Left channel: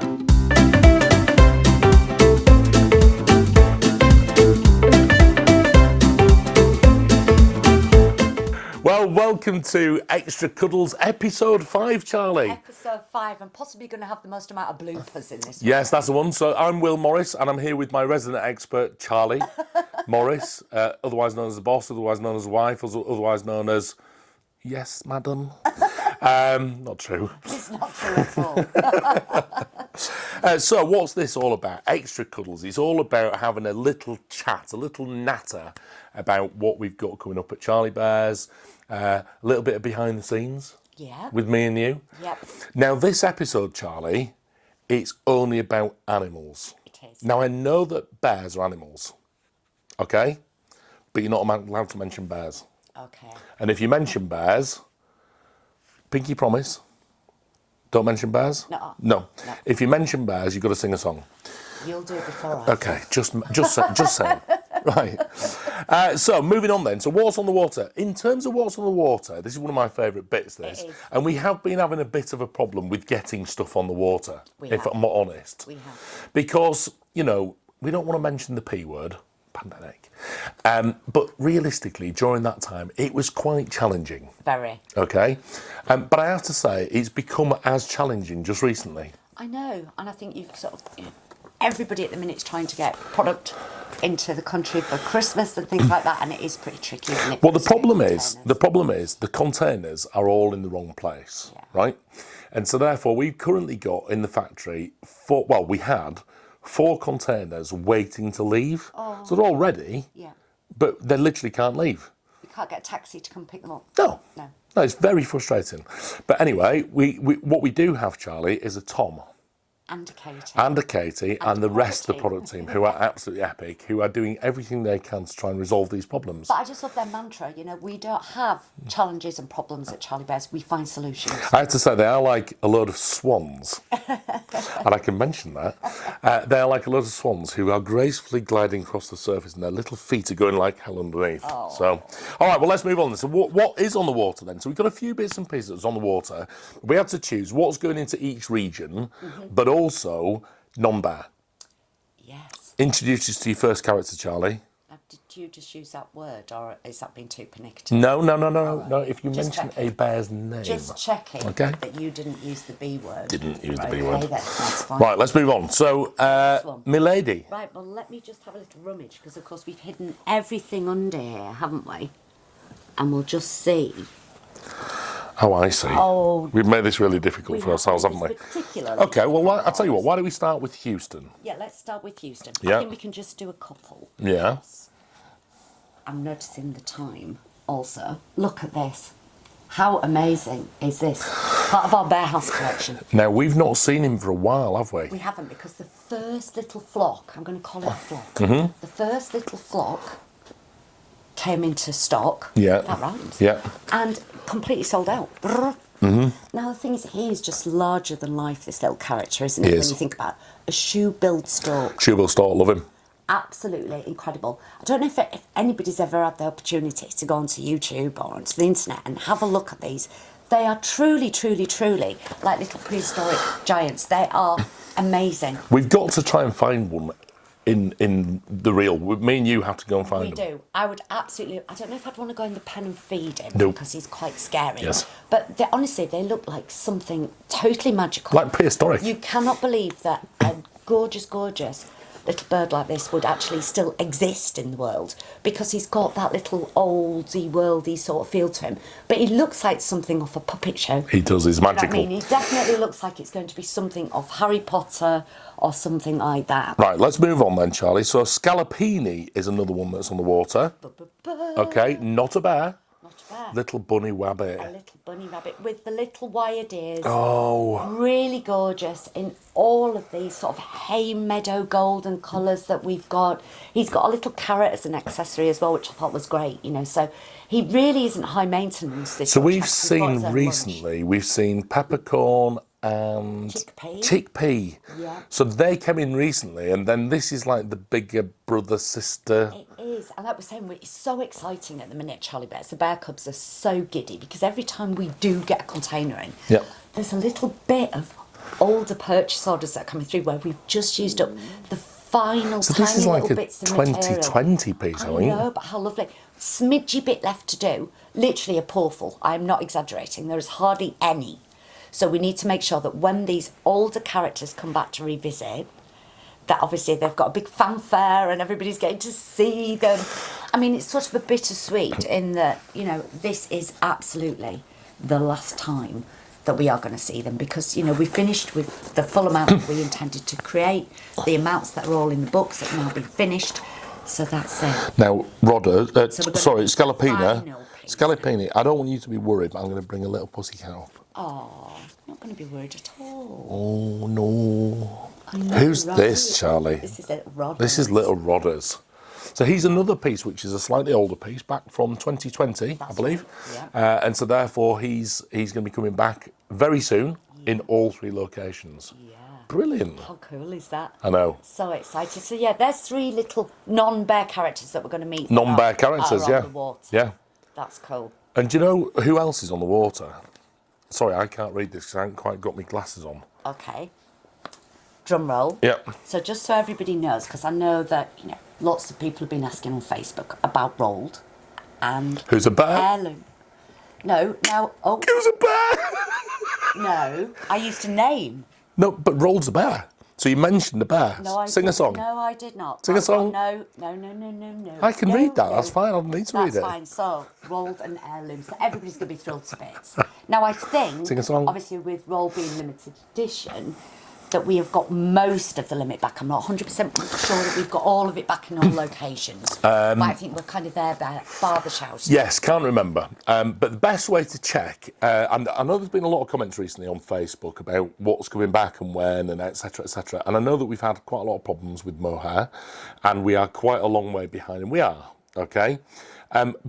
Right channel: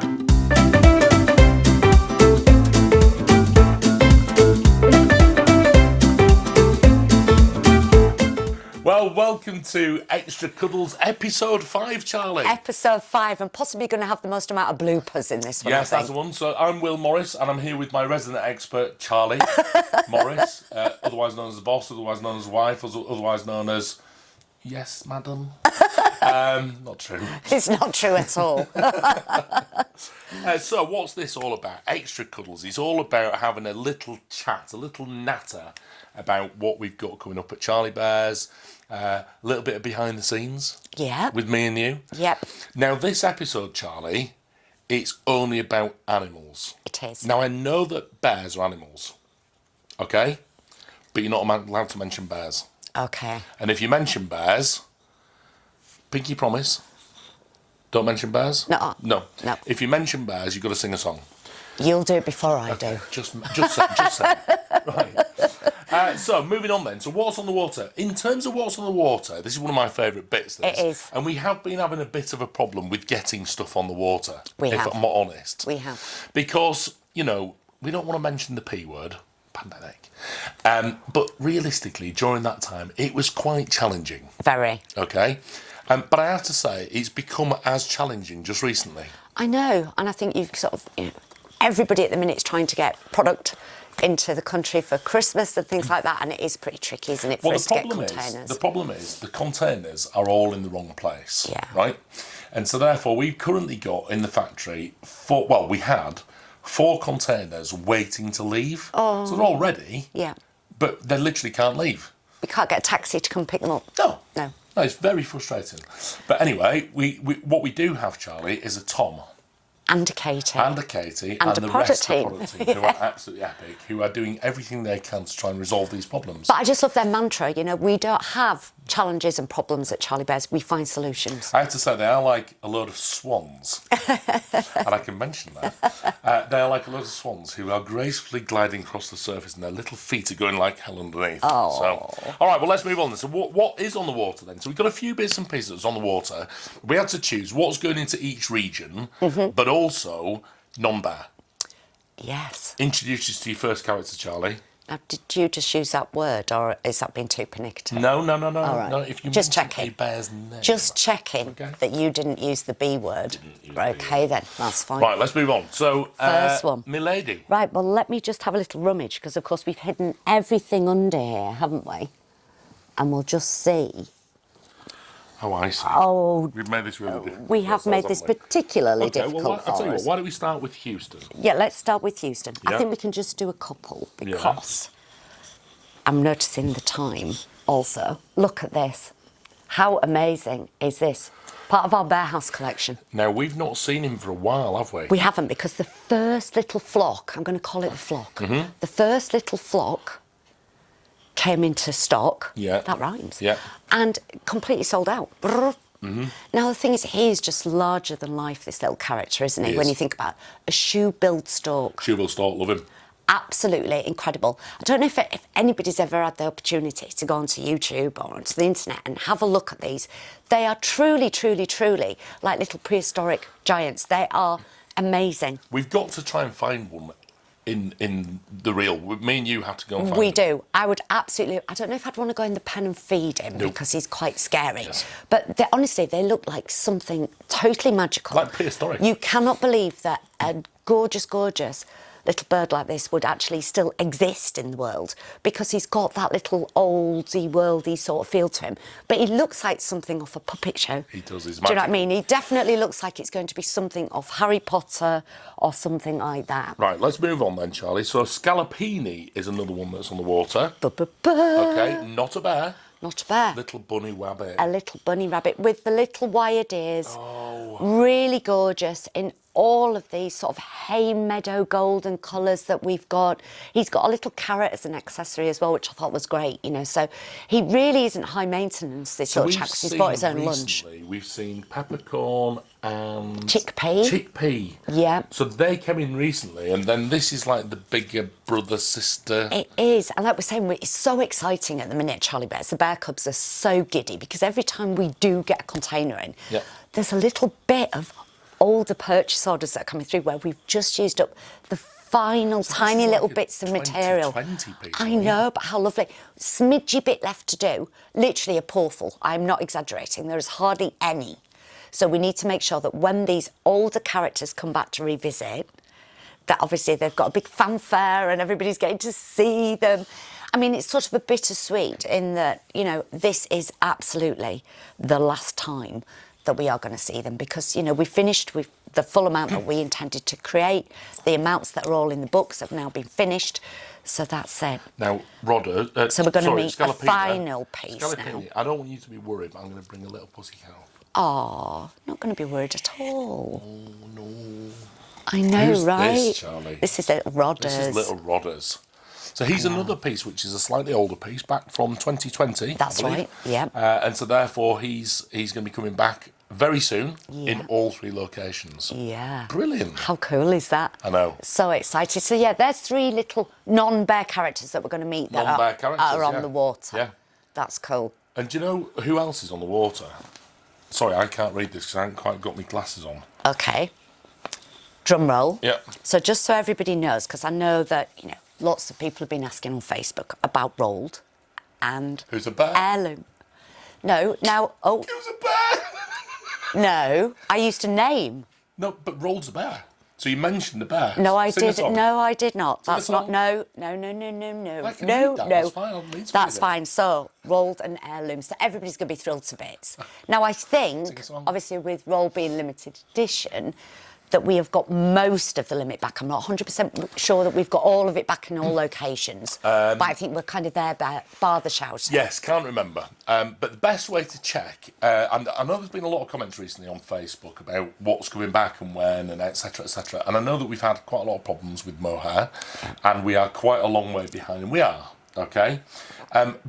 Well, welcome to Extra Cuddles, episode 5, Charlie. Episode 5, and possibly going to have the most amount of bloopers in this one. Yes, that's the one. So I'm Will Morris, and I'm here with my resident expert, Charlie Morris, otherwise known as the boss, otherwise known as the wife, otherwise known as... Yes, madam. Not true. It's not true at all. So what's this all about? Extra Cuddles is all about having a little chat, a little natter about what we've got coming up at Charlie Bears, a little bit of behind the scenes. Yeah. With me and you. Yep. Now, this episode, Charlie, it's only about animals. It is. Now, I know that bears are animals, okay? But you're not allowed to mention bears. Okay. And if you mention bears, pinky promise, don't mention bears? No. No. No. If you mention bears, you've got to sing a song. You'll do it before I do. Okay, just say. Right. So, moving on then. So, what's on the water? In terms of what's on the water, this is one of my favourite bits. This. It is. And we have been having a bit of a problem with getting stuff on the water, if I'm not honest. We have. Because, you know, we don't want to mention the P word, pandemic. But realistically, during that time, it was quite challenging. Very. Okay? But I have to say, it's become as challenging just recently. I know, and I think you've sort of... You know, everybody at the minute is trying to get product into the country for Christmas and things like that, and it is pretty tricky, isn't it? Well, the problem is the containers are all in the wrong place, yeah. Right? And so therefore, we've currently got in the factory we had 4 containers waiting to leave. Oh. So they're all ready. Yeah. But they literally can't leave. We can't get a taxi to come pick them up. No. No. No, it's very frustrating. But anyway, what we do have, Charlie, is a Tom. And a Katie. And a Katie. And the rest of the product team, who Yeah. are absolutely epic, who are doing everything they can to try and resolve these problems. But I just love their mantra, you know, we don't have challenges and problems at Charlie Bears, we find solutions. I have to say, they are like a load of swans. And I can mention that. They are like a load of swans who are gracefully gliding across the surface and their little feet are going like hell underneath. Oh. So, all right, well, let's move on. So what is on the water then? So we've got a few bits and pieces on the water. We had to choose what's going into each region, but also non-bear. Yes. Introduce us to your first character, Charlie. Now, did you just use that word, or is that being too pernickety? No. Right. No, if you just mention checking. a bear's name. Just checking Okay. that you didn't use the B word. Didn't use right, the B okay, word. then, that's fine. Right, let's move on. So, First one. Milady. Right, well, let me just have a little rummage, because, of course, we've hidden everything under here, haven't we? And we'll just see. Oh, I see. Oh, We've made this really difficult we for have ourselves, made this haven't we? particularly Okay, difficult well, I'll for tell you us. what, why don't we start with Houston? Yeah, let's start with Houston. Yeah. I think we can just do a couple, Yeah. because I'm noticing the time also. Look at this. How amazing is this? Part of our Bear House collection. Now, we've not seen him for a while, have we? We haven't, because the first little flock, I'm going to call it a flock, the first little flock came into stock. Yeah. That rhymes. Yeah. And completely sold out. Now, the thing is, he is just larger than life, this little character, isn't it? He When is. you think about it. A shoe-billed stork. Shoebill Stork, love him. Absolutely incredible. I don't know if anybody's ever had the opportunity to go onto YouTube or onto the internet and have a look at these. They are truly, truly, truly like little prehistoric giants. They are amazing. We've got to try and find one in the real. Me and you have to go and find We him. do. I would absolutely... I don't know if I'd want to go in the pen and feed him because he's quite scary. Yes. But honestly, they look like something totally magical. Like prehistoric. You cannot believe that a gorgeous, gorgeous little bird like this would actually still exist in the world, because he's got that little oldie, worldy sort of feel to him. But he looks like something off a puppet show. He does, he's Do you know magical. what I mean? He definitely looks like it's going to be something off Harry Potter or something like that. Right, let's move on then, Charlie. So Scalapini is another one that's on the water. Okay, not a bear. Not a bear. Little bunny rabbit. A little bunny rabbit with the little wired ears. Oh. Really gorgeous in all of these sort of hay meadow golden colours that we've got. He's got a little carrot as an accessory as well, which I thought was great, you know. So he really isn't high maintenance, this So little we've chap, 'cause he's got his seen own recently, we've seen peppercorn and... Chickpea. Chickpea. Yeah. So they came in recently, and then this is like the bigger brother, sister... It is, and like we're saying, it's so exciting at the minute, Charlie Bears. The bear cubs are so giddy, because every time we do get a container in, Yeah. there's a little bit of older purchase orders that are coming through where we've just used up the final So tiny this is like little a bits of material. 2020 piece, I know, but how lovely. Smidgy bit left to do. Literally a portal. I'm not exaggerating. There is hardly any. So we need to make sure that when these older characters come back to revisit, that obviously they've got a big fanfare and everybody's getting to see them. I mean, it's sort of a bittersweet in that, you know, this is absolutely the last time that we are going to see them because, you know, we finished with the full amount that we intended to create. The amounts that are all in the books have now been finished. So that's it. Now, Rodder, So we're going to meet the final piece Scalapini, I don't want you to be worried, but I'm going to bring a little pussycat up. Oh, not going to be worried at all. Oh, no. I know, Who's right? this, Charlie? This is Little Rodders. This is Little Rodders. So he's another piece, which is a slightly older piece, back from 2020. That's I believe. right, yeah. And so therefore he's going to be coming back very soon in all 3 locations. Yeah. Brilliant. How cool is that? I know. So excited. So yeah, there's 3 little non-bear characters that we're going to meet. Non-bear characters, are yeah. on the water. Yeah. That's cool. And do you know who else is on the water? Sorry, I can't read this because I haven't quite got my glasses on. Okay. Drum roll. Yeah. So just so everybody knows, because I know that, you know, lots of people have been asking on Facebook about Rolled and Who's a bear? Heirloom. No, now, oh, Who's a bear? no, I used to name. No, but Roll's a bear. So you mentioned the bear. No, I Sing a did. song. No, I did not. Sing a That's not. song. No. I can no, read that. No. That's fine. I don't need to read it. That's fine. So, Rolled and Heirlooms. So everybody's going to be thrilled to bits. Now, I think, Sing a song. obviously, with Roll being limited edition, that we have got most of the limit back. I'm not 100% sure that we've got all of it back in all locations. But I think we're kind of there, bar the shout. Yes, can't remember. But the best way to check, and I know there's been a lot of comments recently on Facebook about what's coming back and when and etc, etc. And I know that we've had quite a lot of problems with mohair and we are quite a long way behind, and we are, okay?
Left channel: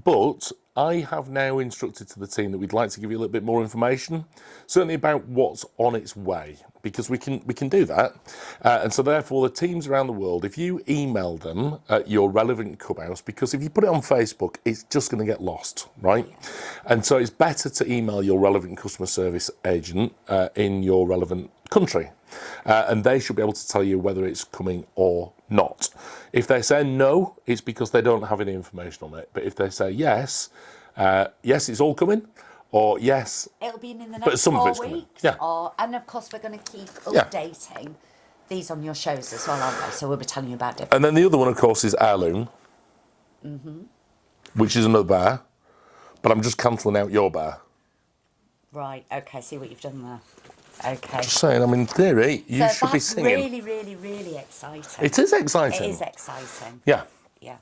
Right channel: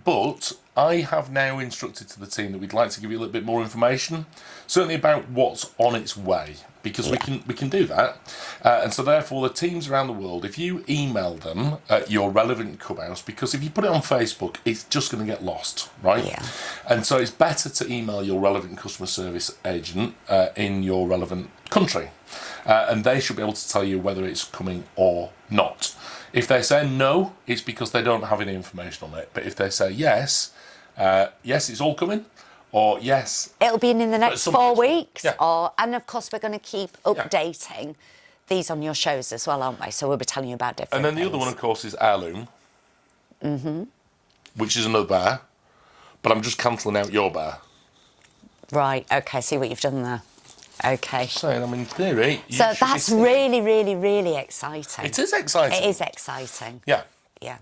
But I have now instructed to the team that we'd like to give you a little bit more information, certainly about what's on its way, because we can do that. And so therefore the teams around the world, if you email them at your relevant clubhouse, because if you put it on Facebook, it's just going to get lost, right? Yeah. And so it's better to email your relevant customer service agent in your relevant country. And they should be able to tell you whether it's coming or not. If they say no, it's because they don't have any information on it. But if they say yes, yes, it's all coming, or yes, It'll be in the next some of 4 it's coming. weeks. Yeah. And of course, we're going to keep updating these on your shows as well, aren't we? So we'll be telling you about different And then the other things. one, of course, is Heirloom, which is another bear. But I'm just cancelling out your bear. Right, OK, see what you've done there. OK. Just saying, I mean, in theory, you So should be that's singing. really, really, really exciting. It is exciting. It is exciting. Yeah. Yeah.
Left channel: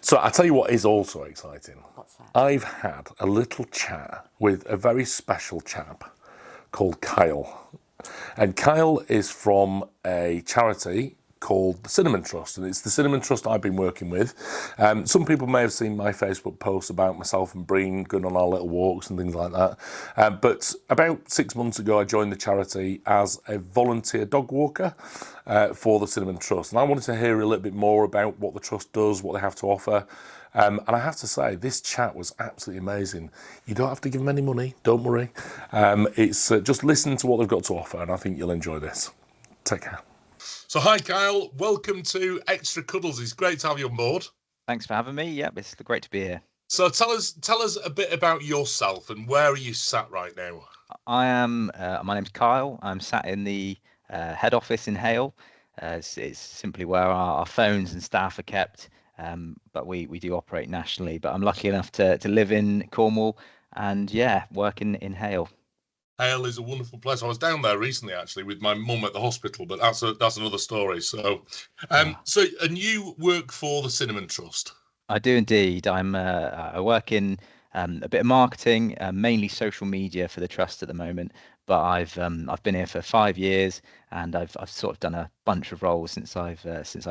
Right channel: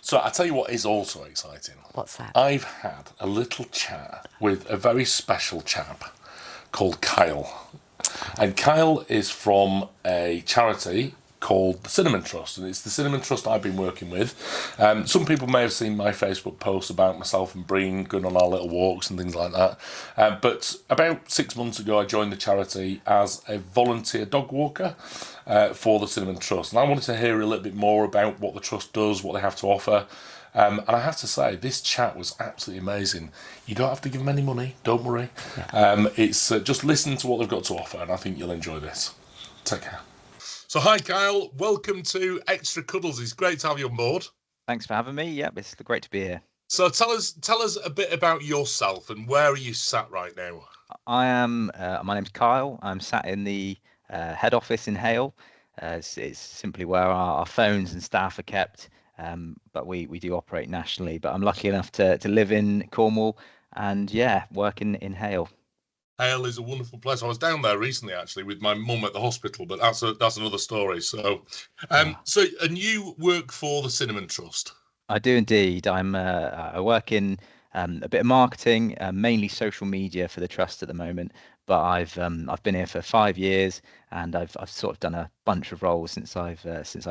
So I tell you what is also exciting. What's that? I've had a little chat with a very special chap called Kyle. And Kyle is from a charity called the Cinnamon Trust, and it's the Cinnamon Trust I've been working with. Some people may have seen my Facebook posts about myself and Breen going on our little walks and things like that. But about 6 months ago, I joined the charity as a volunteer dog walker for the Cinnamon Trust. And I wanted to hear a little bit more about what the Trust does, what they have to offer. And I have to say, this chat was absolutely amazing. You don't have to give them any money, don't worry. It's just listen to what they've got to offer, and I think you'll enjoy this. Take care. So hi Kyle, welcome to Extra Cuddles. It's great to have you on board. Thanks for having me. Yep, it's great to be here. So tell us a bit about yourself and where are you sat right now? I am. My name's Kyle. I'm sat in the head office in Hale. It's simply where our phones and staff are kept, but we do operate nationally. But I'm lucky enough to live in Cornwall and work in Hale. Hale is a wonderful place. I was down there recently, actually, with my mum at the hospital, but that's another story. So, and you work for the Cinnamon Trust? I do indeed. I work in a bit of marketing, mainly social media for the trust at the moment. But I've been here for 5 years, and I've sort of done a bunch of roles since I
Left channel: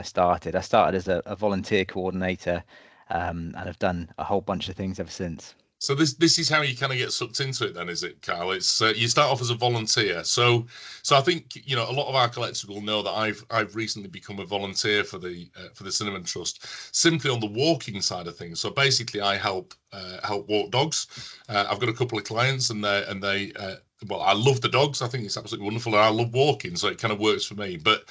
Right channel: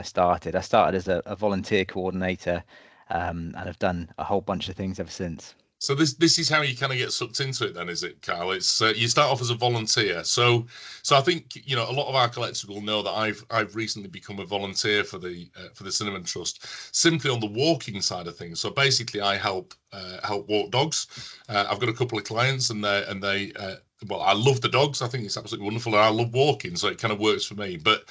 started. I started as a volunteer coordinator, and I've done a whole bunch of things ever since. So this is how you kind of get sucked into it, then, is it, Kyle? It's you start off as a volunteer. So I think a lot of our collectors will know that I've recently become a volunteer for the Cinnamon Trust, simply on the walking side of things. So basically, I help walk dogs. I've got a couple of clients, and they well, I love the dogs. I think it's absolutely wonderful, and I love walking, so it kind of works for me. But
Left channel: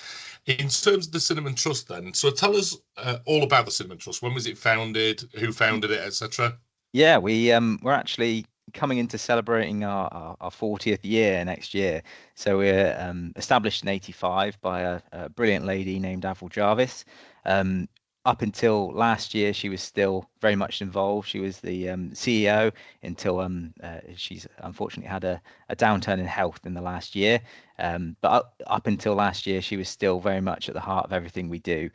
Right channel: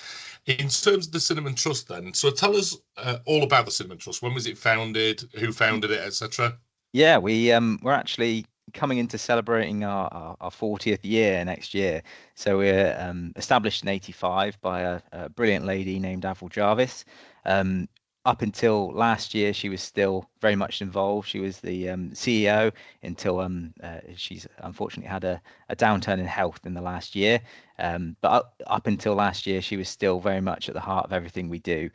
in terms of the Cinnamon Trust, then, so tell us all about the Cinnamon Trust. When was it founded? Who founded it, etc.? Yeah, we're actually coming into celebrating our 40th year next year. So we're established in '85 by a brilliant lady named Avril Jarvis. Um, Up until last year, she was still very much involved. She was the CEO until she's unfortunately had a downturn in health in the last year. But up until last year, she was still very much at the heart of everything we do.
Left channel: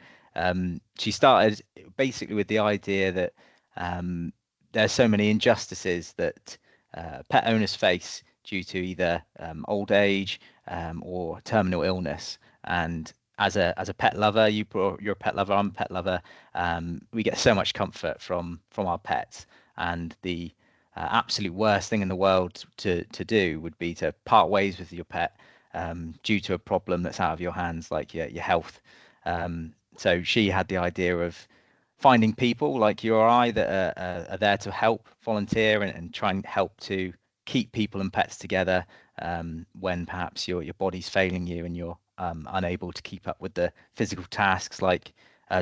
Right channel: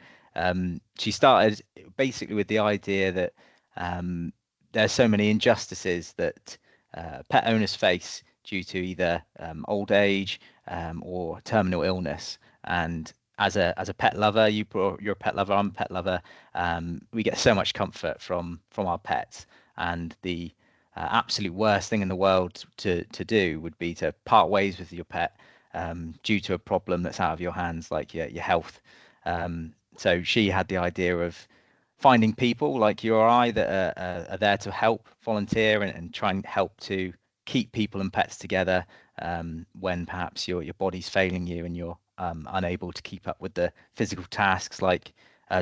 She started basically with the idea that um, there's so many injustices that pet owners face due to either old age or terminal illness. And as a pet lover, you're a pet lover, I'm a pet lover. We get so much comfort from our pets, and the absolute worst thing in the world to do would be to part ways with your pet due to a problem that's out of your hands, like your health. So she had the idea of finding people like you or I that are there to help volunteer and try and help to keep people and pets together when perhaps your body's failing you and you're unable to keep up with the physical tasks like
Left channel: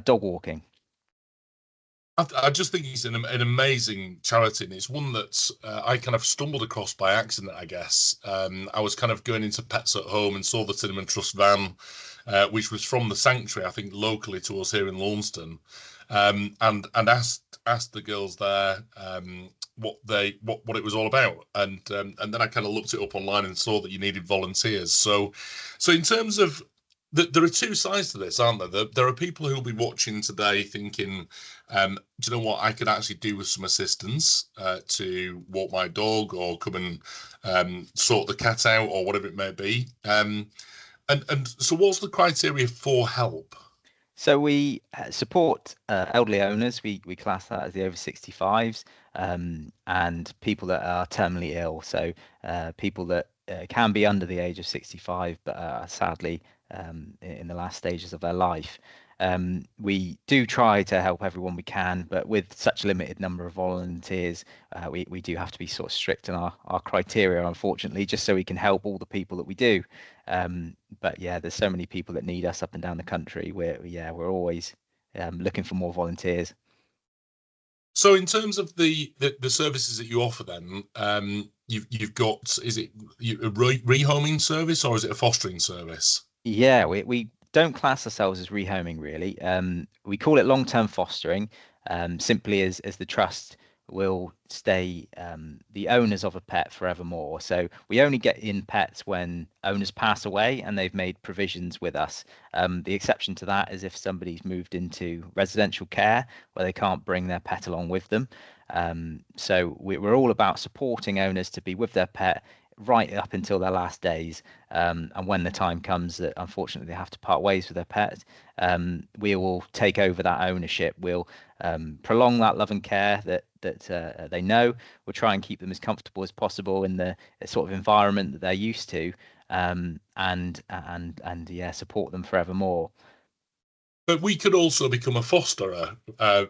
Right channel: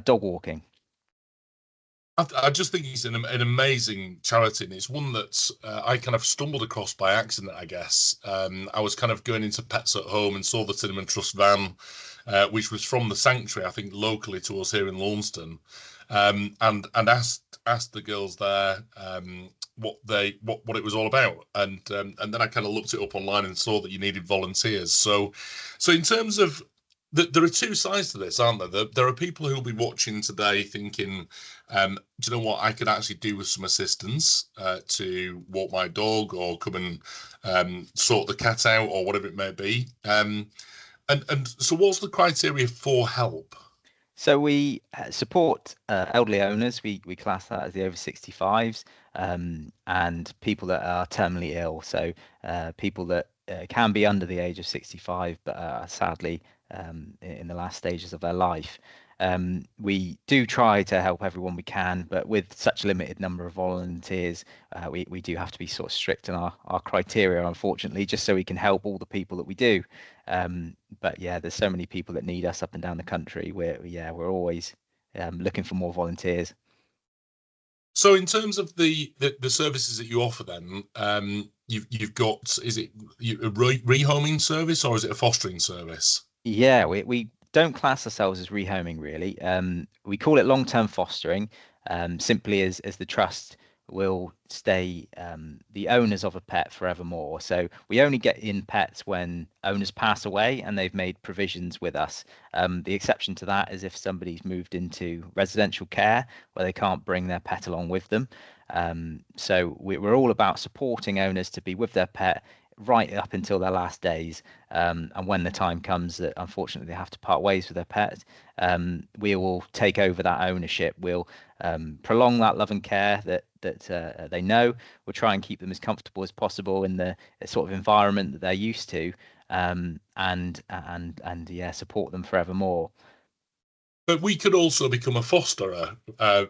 dog walking. I just think it's an amazing charity, and it's one that I kind of stumbled across by accident, I guess. I was kind of going into Pets at Home and saw the Cinnamon Trust van, which was from the Sanctuary, I think, locally to us here in Launceston, and asked the girls there what it was all about, and then I kind of looked it up online and saw that you needed volunteers. So in terms of there are two sides to this, aren't there? There are people who will be watching today thinking, do you know what, I could actually do with some assistance to walk my dog or come and sort the cat out or whatever it may be. And so what's the criteria for help? So we support elderly owners. We class that as the over 65s and people that are terminally ill. So people that can be under the age of 65, but are sadly in the last stages of their life. We do try to help everyone we can, but with such a limited number of volunteers, we do have to be sort of strict in our criteria, unfortunately, just so we can help all the people that we do. But yeah, there's so many people that need us up and down the country. We're always looking for more volunteers. So in terms of the services that you offer, then you've got, is it a rehoming service or is it a fostering service? Yeah, we don't class ourselves as rehoming really. We call it long-term fostering, simply as the trust will stay the owners of a pet forevermore. So we only get in pets when owners pass away and they've made provisions with us. The exception to that is if somebody's moved into residential care where they can't bring their pet along with them. So we're all about supporting owners to be with their pet right up until their last days. And when the time comes that unfortunately they have to part ways with their pet, we will take over that ownership. We'll prolong that love and care that they know. We'll try and keep them as comfortable as possible in the sort of environment that they're used to, and yeah, support them forevermore. But we could also become a fosterer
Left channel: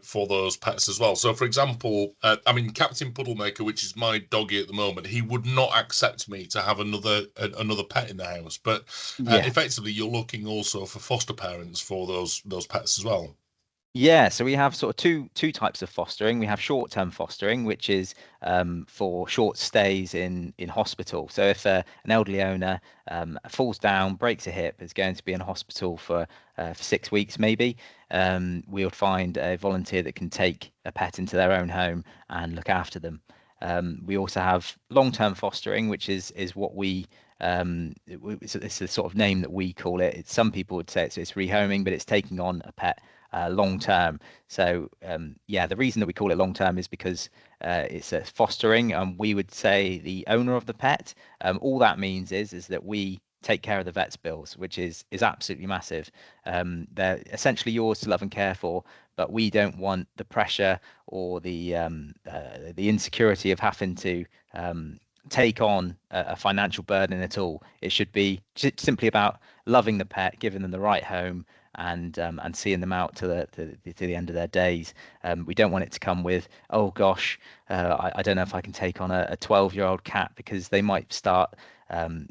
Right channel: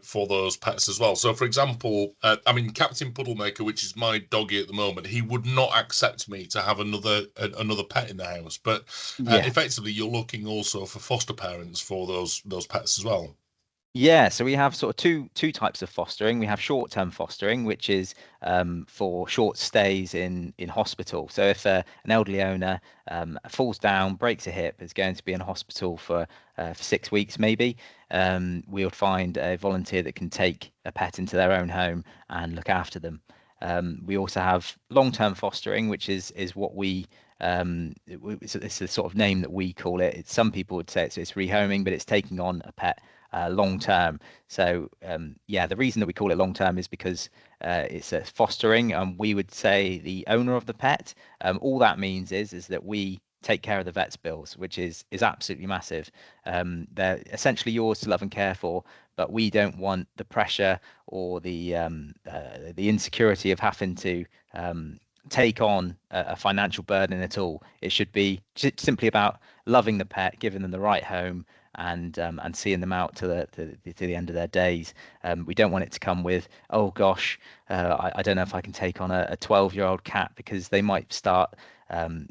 for those pets as well. So, for example, I mean, Captain Puddlemaker, which is my doggy at the moment, he would not accept me to have another pet in the house. But Yeah. effectively, you're looking also for foster parents for those pets as well. Yeah, so we have sort of two types of fostering. We have short-term fostering, which is for short stays in hospital. So if an elderly owner falls down, breaks a hip, is going to be in hospital for 6 weeks maybe, we'll find a volunteer that can take a pet into their own home and look after them. We also have long-term fostering, which is what it's the sort of name that we call it. Some people would say it's rehoming, but it's taking on a pet long term. So yeah, the reason that we call it long term is because it's a fostering, and we would say the owner of the pet. All that means is that we take care of the vet's bills, which is absolutely massive. They're essentially yours to love and care for, but we don't want the pressure or the insecurity of having to take on a financial burden at all. It should be simply about loving the pet, giving them the right home, and seeing them out to the end of their days. We don't want it to come with, oh gosh, I don't know if I can take on a 12-year-old cat, because they might start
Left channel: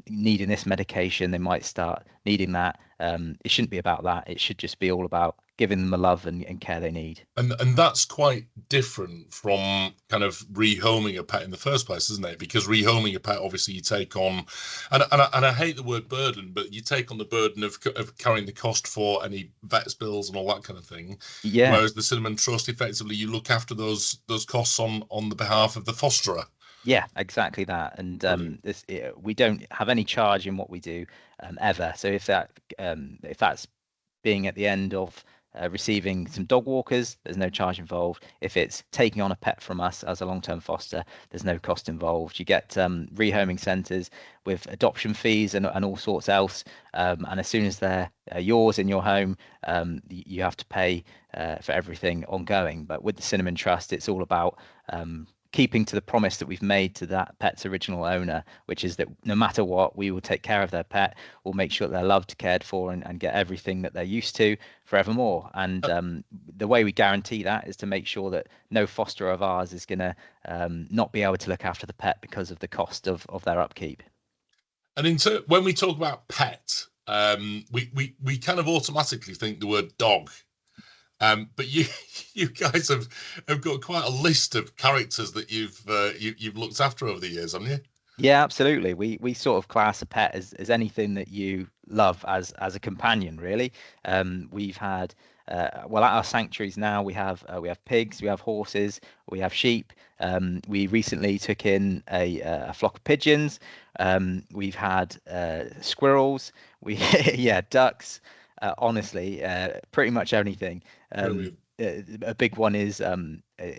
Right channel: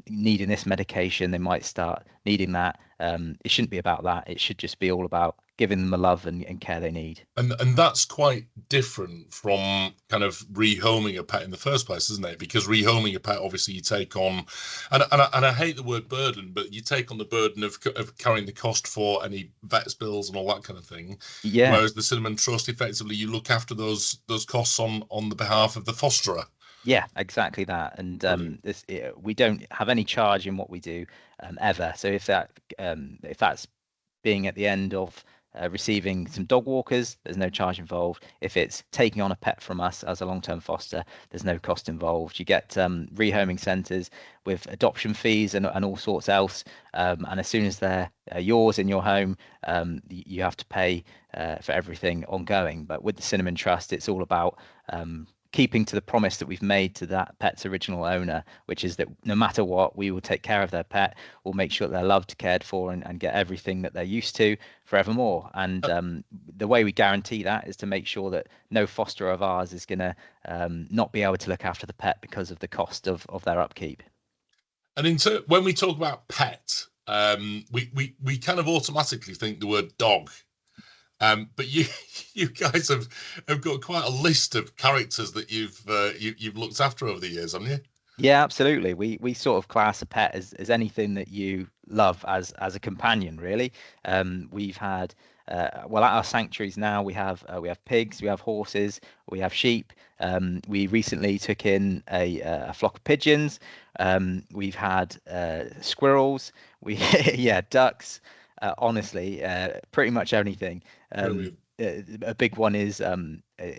needing this medication, they might start needing that. It shouldn't be about that. It should just be all about giving them the love and care they need. And that's quite different from kind of rehoming a pet in the first place, isn't it? Because rehoming a pet, obviously, you take on, and I hate the word burden, but you take on the burden of carrying the cost for any vet's bills and all that kind of thing. Yeah. Whereas the Cinnamon Trust, effectively, you look after those costs on the behalf of the fosterer. Yeah, exactly that. And we don't have any charge in what we do ever. So if that's being at the end of receiving some dog walkers, there's no charge involved. If it's taking on a pet from us as a long-term foster, there's no cost involved. You get rehoming centres with adoption fees and all sorts else. And as soon as they're yours in your home, you have to pay for everything ongoing. But with the Cinnamon Trust, it's all about keeping to the promise that we've made to that pet's original owner, which is that no matter what, we will take care of their pet. We'll make sure that they're loved, cared for, and get everything that they're used to forevermore. And the way we guarantee that is to make sure that no fosterer of ours is going to not be able to look after the pet because of the cost of their upkeep. And when we talk about pet, we kind of automatically think the word dog. But you guys have got quite a list of characters that you've looked after over the years, haven't you? Yeah, absolutely. We sort of class a pet as anything that you love as a companion, really. We've had at our sanctuaries now we have pigs, we have horses, we have sheep. We recently took in a flock of pigeons. We've had squirrels. Ducks. Honestly, pretty much anything. A big one is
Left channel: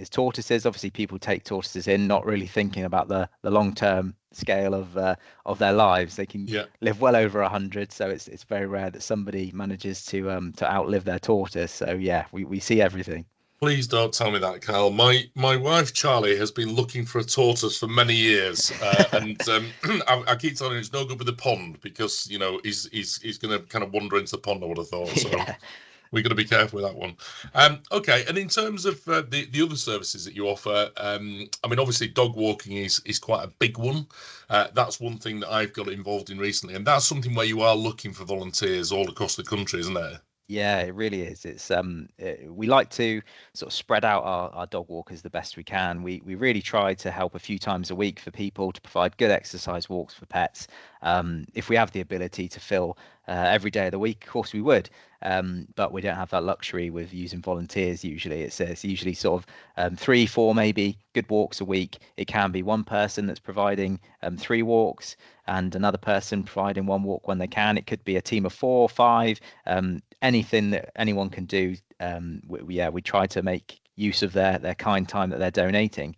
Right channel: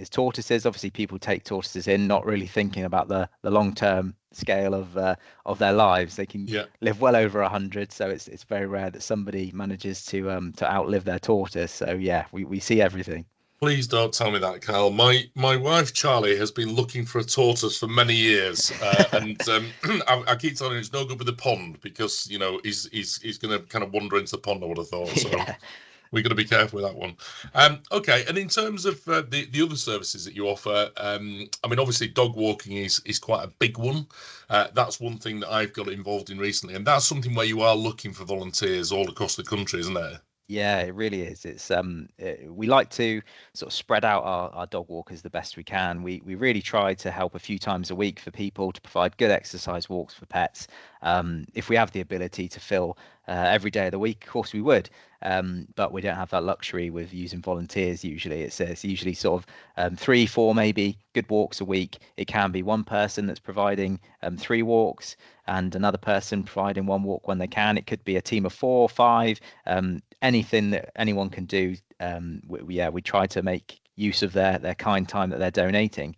tortoises. Obviously, people take tortoises in, not really thinking about the long-term scale of their lives. They can live well over 100, so it's very rare that somebody manages to outlive their tortoise. So yeah, we see everything. Please don't tell me that, Carl. My wife Charlie has been looking for a tortoise for many years, and I keep telling her it's no good with the pond, because he's going to kind of wander into the pond, I would have thought. So we've got to be careful with that one. Okay, and in terms of the other services that you offer, I mean, obviously dog walking is quite a big one. That's one thing that I've got involved in recently, and that's something where you are looking for volunteers all across the country, isn't it? Yeah, it really is. It's we like to sort of spread out our dog walkers the best we can. We really try to help a few times a week for people to provide good exercise walks for pets. If we have the ability to fill every day of the week, of course we would. But we don't have that luxury with using volunteers usually. It's usually sort of 3, 4 maybe good walks a week. It can be one person that's providing 3 walks and another person providing 1 walk when they can. It could be a team of 4, 5, anything that anyone can do. We try to make use of their kind time that they're donating.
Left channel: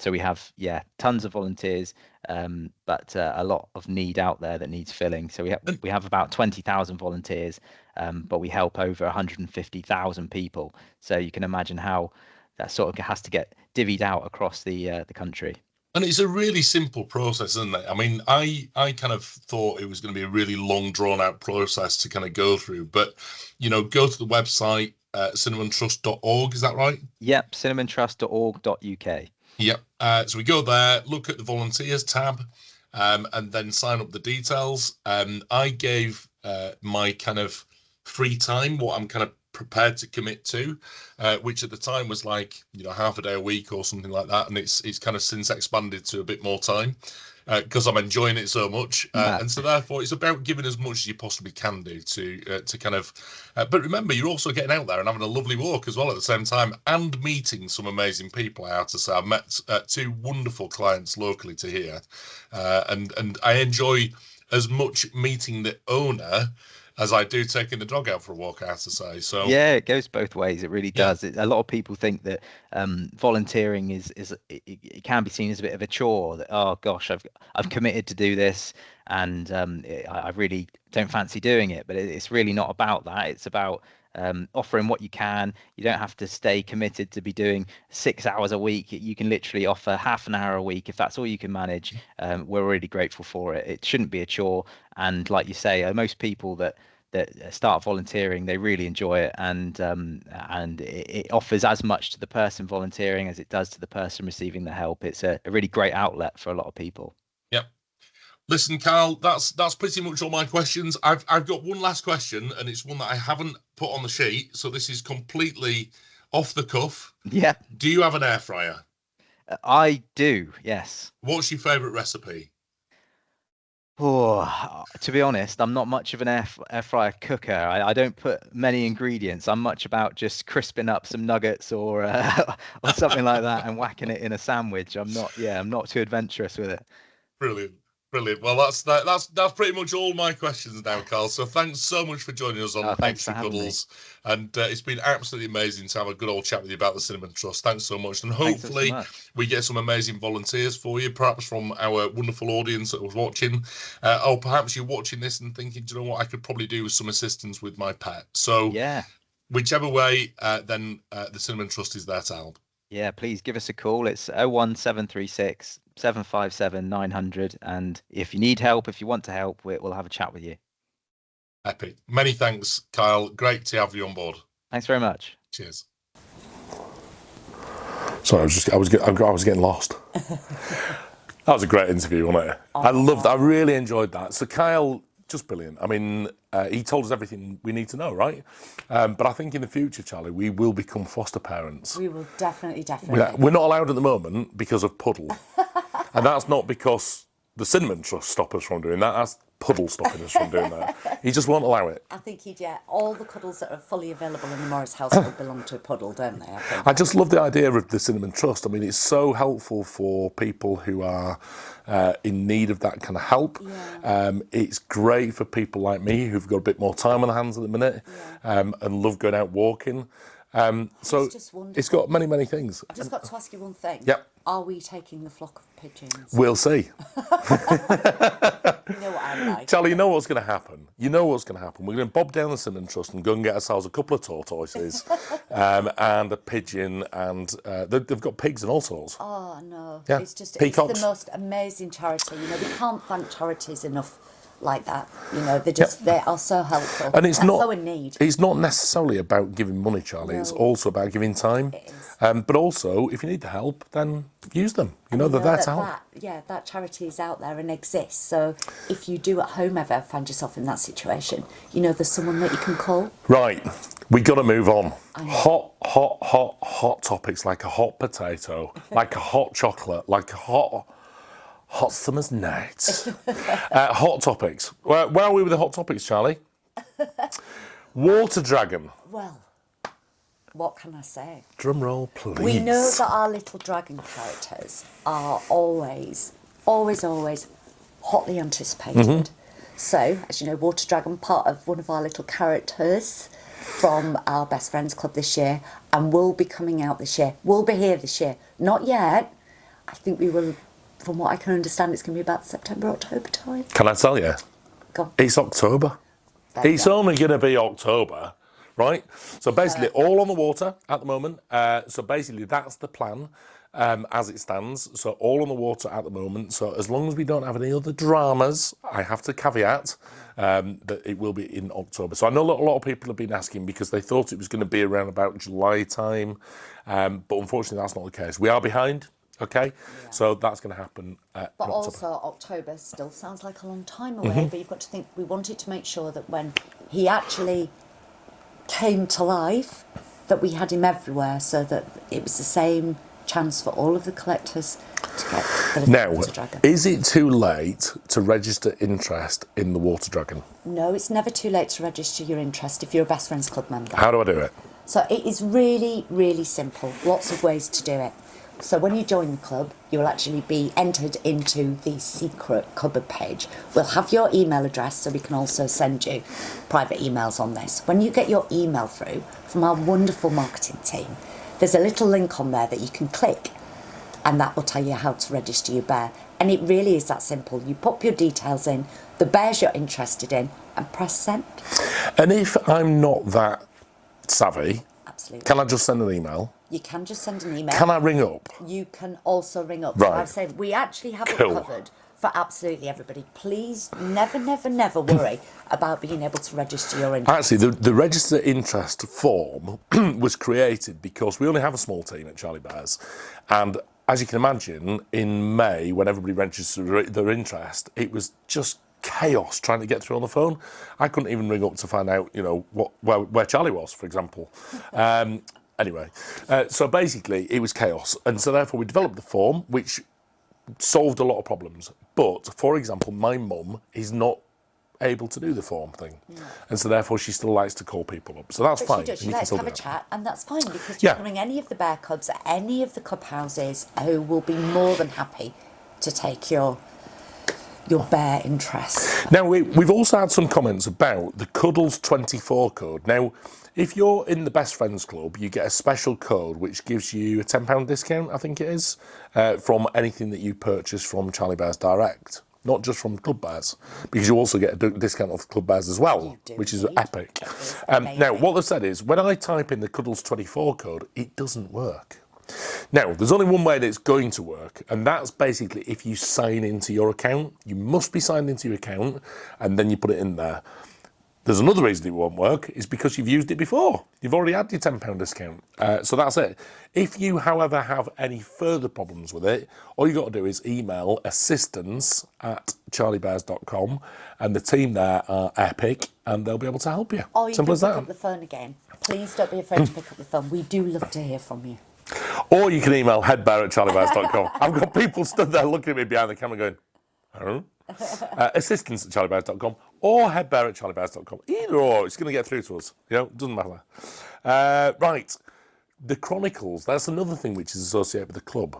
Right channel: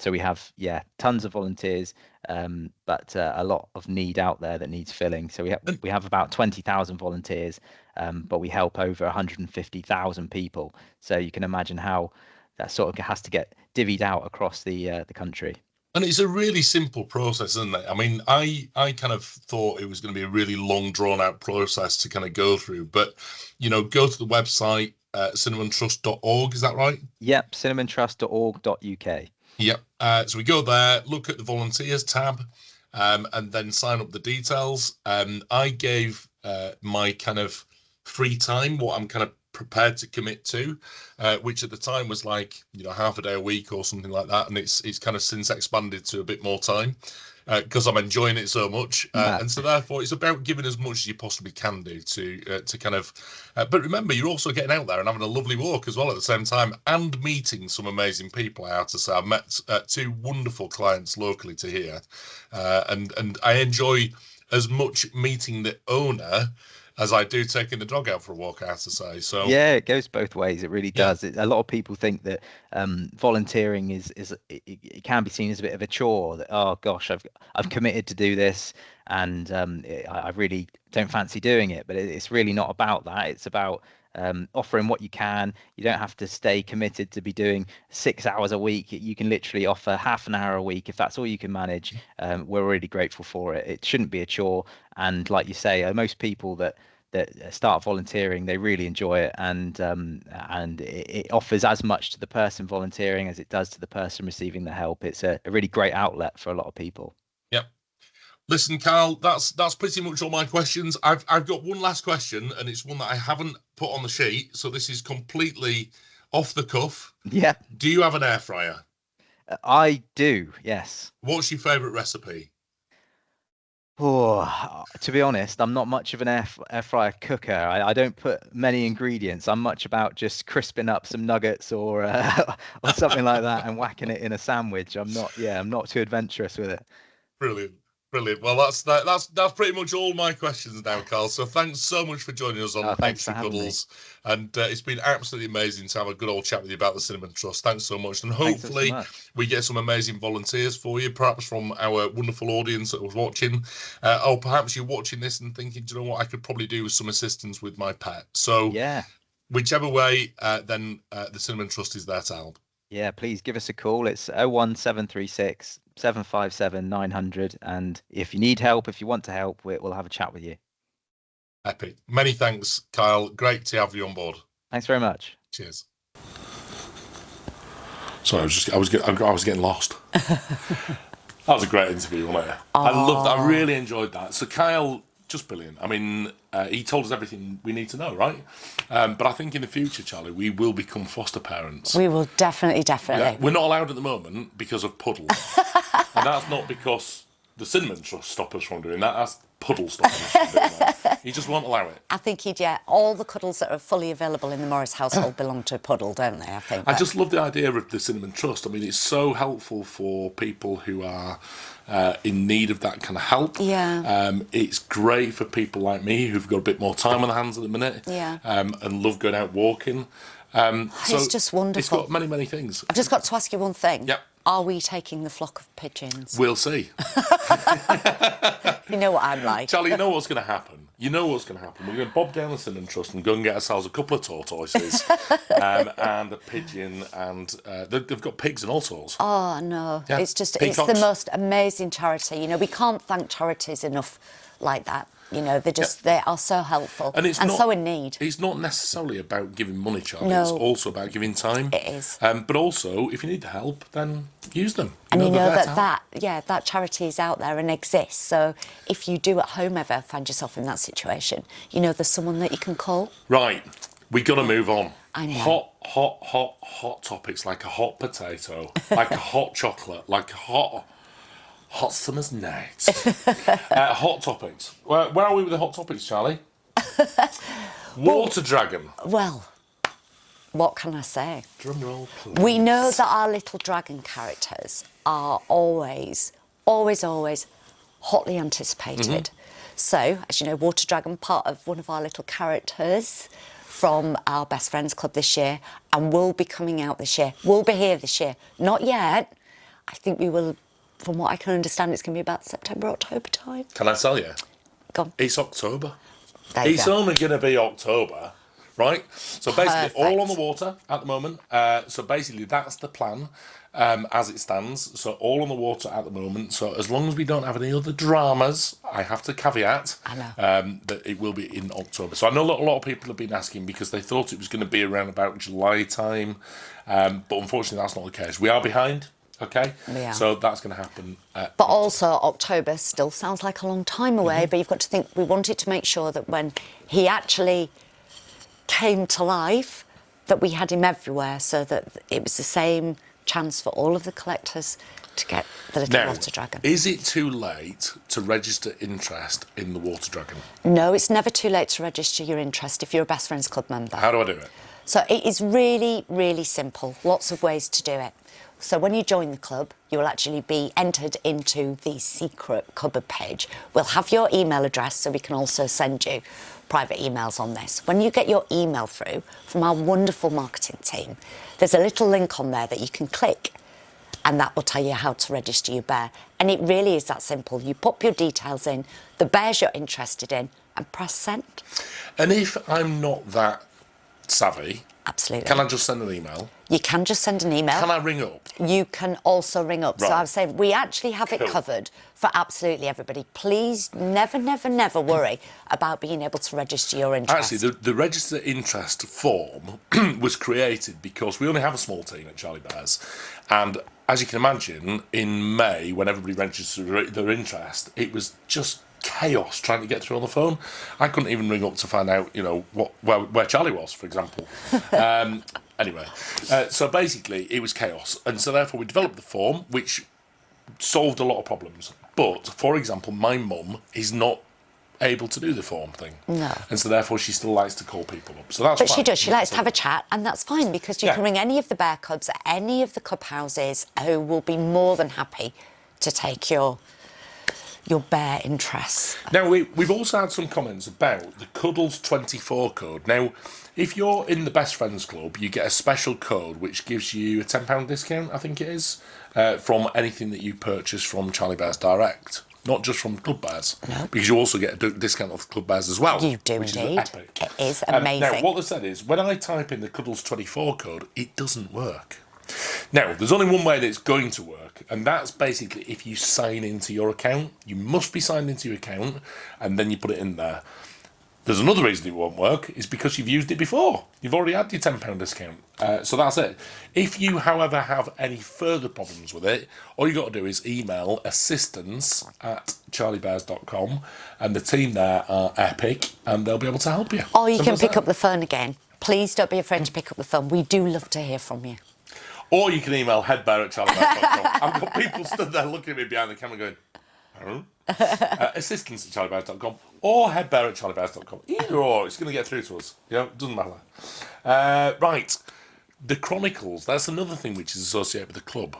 So we have tons of volunteers, but a lot of need out there that needs filling. So we have about 20,000 volunteers, but we help over 150,000 people. So you can imagine how that sort of has to get divvied out across the country. And it's a really simple process, isn't it? I mean, I kind of thought it was going to be a really long, drawn-out process to kind of go through. But, go to the website, cinnamontrust.org, is that right? Yep, cinnamontrust.org.uk. Yep. So we go there, look at the volunteers tab, and then sign up the details. I gave my kind of free time, what I'm kind of prepared to commit to, which at the time was like half a day a week or something like that, and it's kind of since expanded to a bit more time because I'm enjoying it so much, and so therefore it's about giving as much as you possibly can do to kind of but remember, you're also getting out there and having a lovely walk as well at the same time, and meeting some amazing people. I have to say, I've met 2 wonderful clients locally to here, and I enjoy as much meeting the owner as I do taking the dog out for a walk, I have to say. So yeah, it goes both ways. It really does. A lot of people think that volunteering it can be seen as a bit of a chore. That, oh gosh, I've committed to do this, and I really don't fancy doing it. But it's really not about that. It's about offering what you can. You don't have to stay committed to be doing 6 hours a week. You can literally offer half an hour a week if that's all you can manage. We're really grateful for it. It shouldn't be a chore. And like you say, most people that that start volunteering, they really enjoy it, and it offers as much to the person volunteering as it does to the person receiving the help. It's a really great outlet for a lot of people. Yep. Listen, Carl, that's pretty much all my questions. I've got one last question, and it's one that I haven't put on the sheet, so this is completely off the cuff. Yeah. Do you have an air fryer? I do, yes. What's your favourite recipe? Oh, to be honest, I'm not much of an air fryer cooker. I don't put many ingredients. I'm much about just crisping up some nuggets or or something like that and whacking it in a sandwich. I'm not too adventurous with it. Brilliant. Well, that's pretty much all my questions now, Carl. So thanks so much for joining us on Extra Cuddles, and it's been absolutely amazing to have a good old chat with you about the Cinnamon Trust. Thanks so much, and hopefully we get some amazing volunteers for you, perhaps from our wonderful audience that was watching, or perhaps you're watching this and thinking, do you know what, I could probably do with some assistance with my pet. So yeah, whichever way, then the Cinnamon Trust is there to help. Yeah, please give us a call. It's 01736 757 900. And if you need help, if you want to help, we'll have a chat with you. Epic. Many thanks, Kyle. Great to have you on board. Thanks very much. Cheers. Sorry, I was getting lost. That was a great interview, wasn't it? I really enjoyed that. So Kyle, just brilliant. I mean, he told us everything we need to know, right? But I think in the future, Charlie, we will become foster parents. We will definitely. We're not allowed at the moment because of Puddle. And that's not because the Cinnamon Trust stop us from doing that. That's Puddle stopping us from doing that. He just won't allow it. I think all the cuddles that are fully available in the Morris household belong to Puddle, don't they? I just love the idea of the Cinnamon Trust. I mean, it's so helpful for people who are in need of that kind of help. Yeah. It's great for people like me who've got a bit more time on their hands at the minute. Yeah. And love going out walking. So it's just wonderful. It's got many, many things. I've just got to ask you one thing. Yep. Are we taking the flock of pigeons? We'll see. You know what I'm like. Charlie, you know what's going to happen. We're going to bob down the Cinnamon Trust and go and get ourselves a couple of tortoises and a pigeon, and they've got pigs and all sorts. Oh, no. Yeah. It's Peacocks. the most amazing charity. You know, we can't thank charities enough like that. You know, they are so helpful and it's so in need. It's not necessarily about giving money, Charlie. No. It's also about giving time. It is. But also, if you need the help, then use them. And you know that that charity is out there and exists. So if you do at home ever find yourself in that situation, you know there's someone that you can call. Right, we got to move on. I know. Hot topics, like a hot potato, like a hot chocolate, like a hot summer's night. Hot topics. Where are we with the hot topics, Charlie? Water dragon. Well, what can I say? Drum roll, please. We know that our little dragon characters are always hotly anticipated. So, as you know, Water Dragon, part of one of our little characters from our Best Friends Club this year, and will be coming out this year. Will be here this year. Not yet. I think we will, from what I can understand, it's going to be about September, October time. Can I tell you? Go on. It's October. It's only going to be October, right? So basically, all on the water at the moment. So basically, that's the plan as it stands. So all on the water at the moment. So as long as we don't have any other dramas, I have to caveat that it will be in October. So I know a lot of people have been asking because they thought it was going to be around about July time. But unfortunately, that's not the case. We are behind. Okay, so that's going to happen. But also October still sounds like a long time away, but you've got to think we wanted to make sure that when he actually came to life, that we had him everywhere, so that it was the same chance for all of the collectors to get the little water dragon. Is it too late to register interest in the water dragon? No, it's never too late to register your interest if you're a Best Friends Club member. How do I do it? So it is really, really simple. Lots of ways to do it. So when you join the club, you will actually be entered into the secret cupboard page. We'll have your email address, so we can also send you private emails on this. When you get your email through from our wonderful marketing team, there's a little link on there that you can click, and that will tell you how to register your bear. And it really is that simple. You pop your details in, the bears you're interested in, and press send. And if I'm not that savvy, Absolutely. Can I just send an email? You can just send an email. Can I ring up? You can also ring up. Right. So I've said we actually have it covered for absolutely everybody. Please never, never, never worry about being able to register your interest. Actually, the register interest form was created because we only have a small team at Charlie Bears. And as you can imagine, in May, when everybody registered their interest, it was just chaos trying to get through on the phone. I couldn't even ring up to find out, you know, where Charlie was, for example. Anyway, so basically it was chaos. And so therefore we developed the form, which solved a lot of problems. But, for example, my mum is not able to do the form thing. No. And so therefore she still likes to call people up. So that's fine. But she does. She We can likes to still have a do it. chat, and that's fine because you can ring any of the bear cubs at any of the club houses who will be more than happy to take your bear interests. Now, we've also had some comments about the Cuddles 24 code. Now, if you're in the Best Friends Club, you get a special code which gives you a £10 discount, I think it is, from anything that you purchase from Charlie Bears Direct. Not just from Club Bears, because you also get a discount off Club Bears as well. You do, which indeed. is epic. It is amazing. Now, what they've said is, when I type in the Cuddles 24 code, it doesn't work. Now, there's only one way that it's going to work, and that's basically if you sign into your account. You must be signed into your account, and then you put it in there. There's another reason it won't work, is because you've used it before. You've already had your £10 discount. So that's it. If you, however, have any further problems with it, all you've got to do is email assistance@charliebears.com, and the team there are epic, and they'll be able to help you. Or you Simple can as pick that. up the phone again. Please don't be afraid to pick up the phone. We do love to hear from you. Or you can email headbear@charliebears.com. I've got people stood there looking at me behind the camera going, oh. Assistance@charliebears.com or headbear@charliebears.com. Either or, it's going to get through to us. You know, it doesn't matter. Right. The Chronicles, that's another thing which is associated with the club.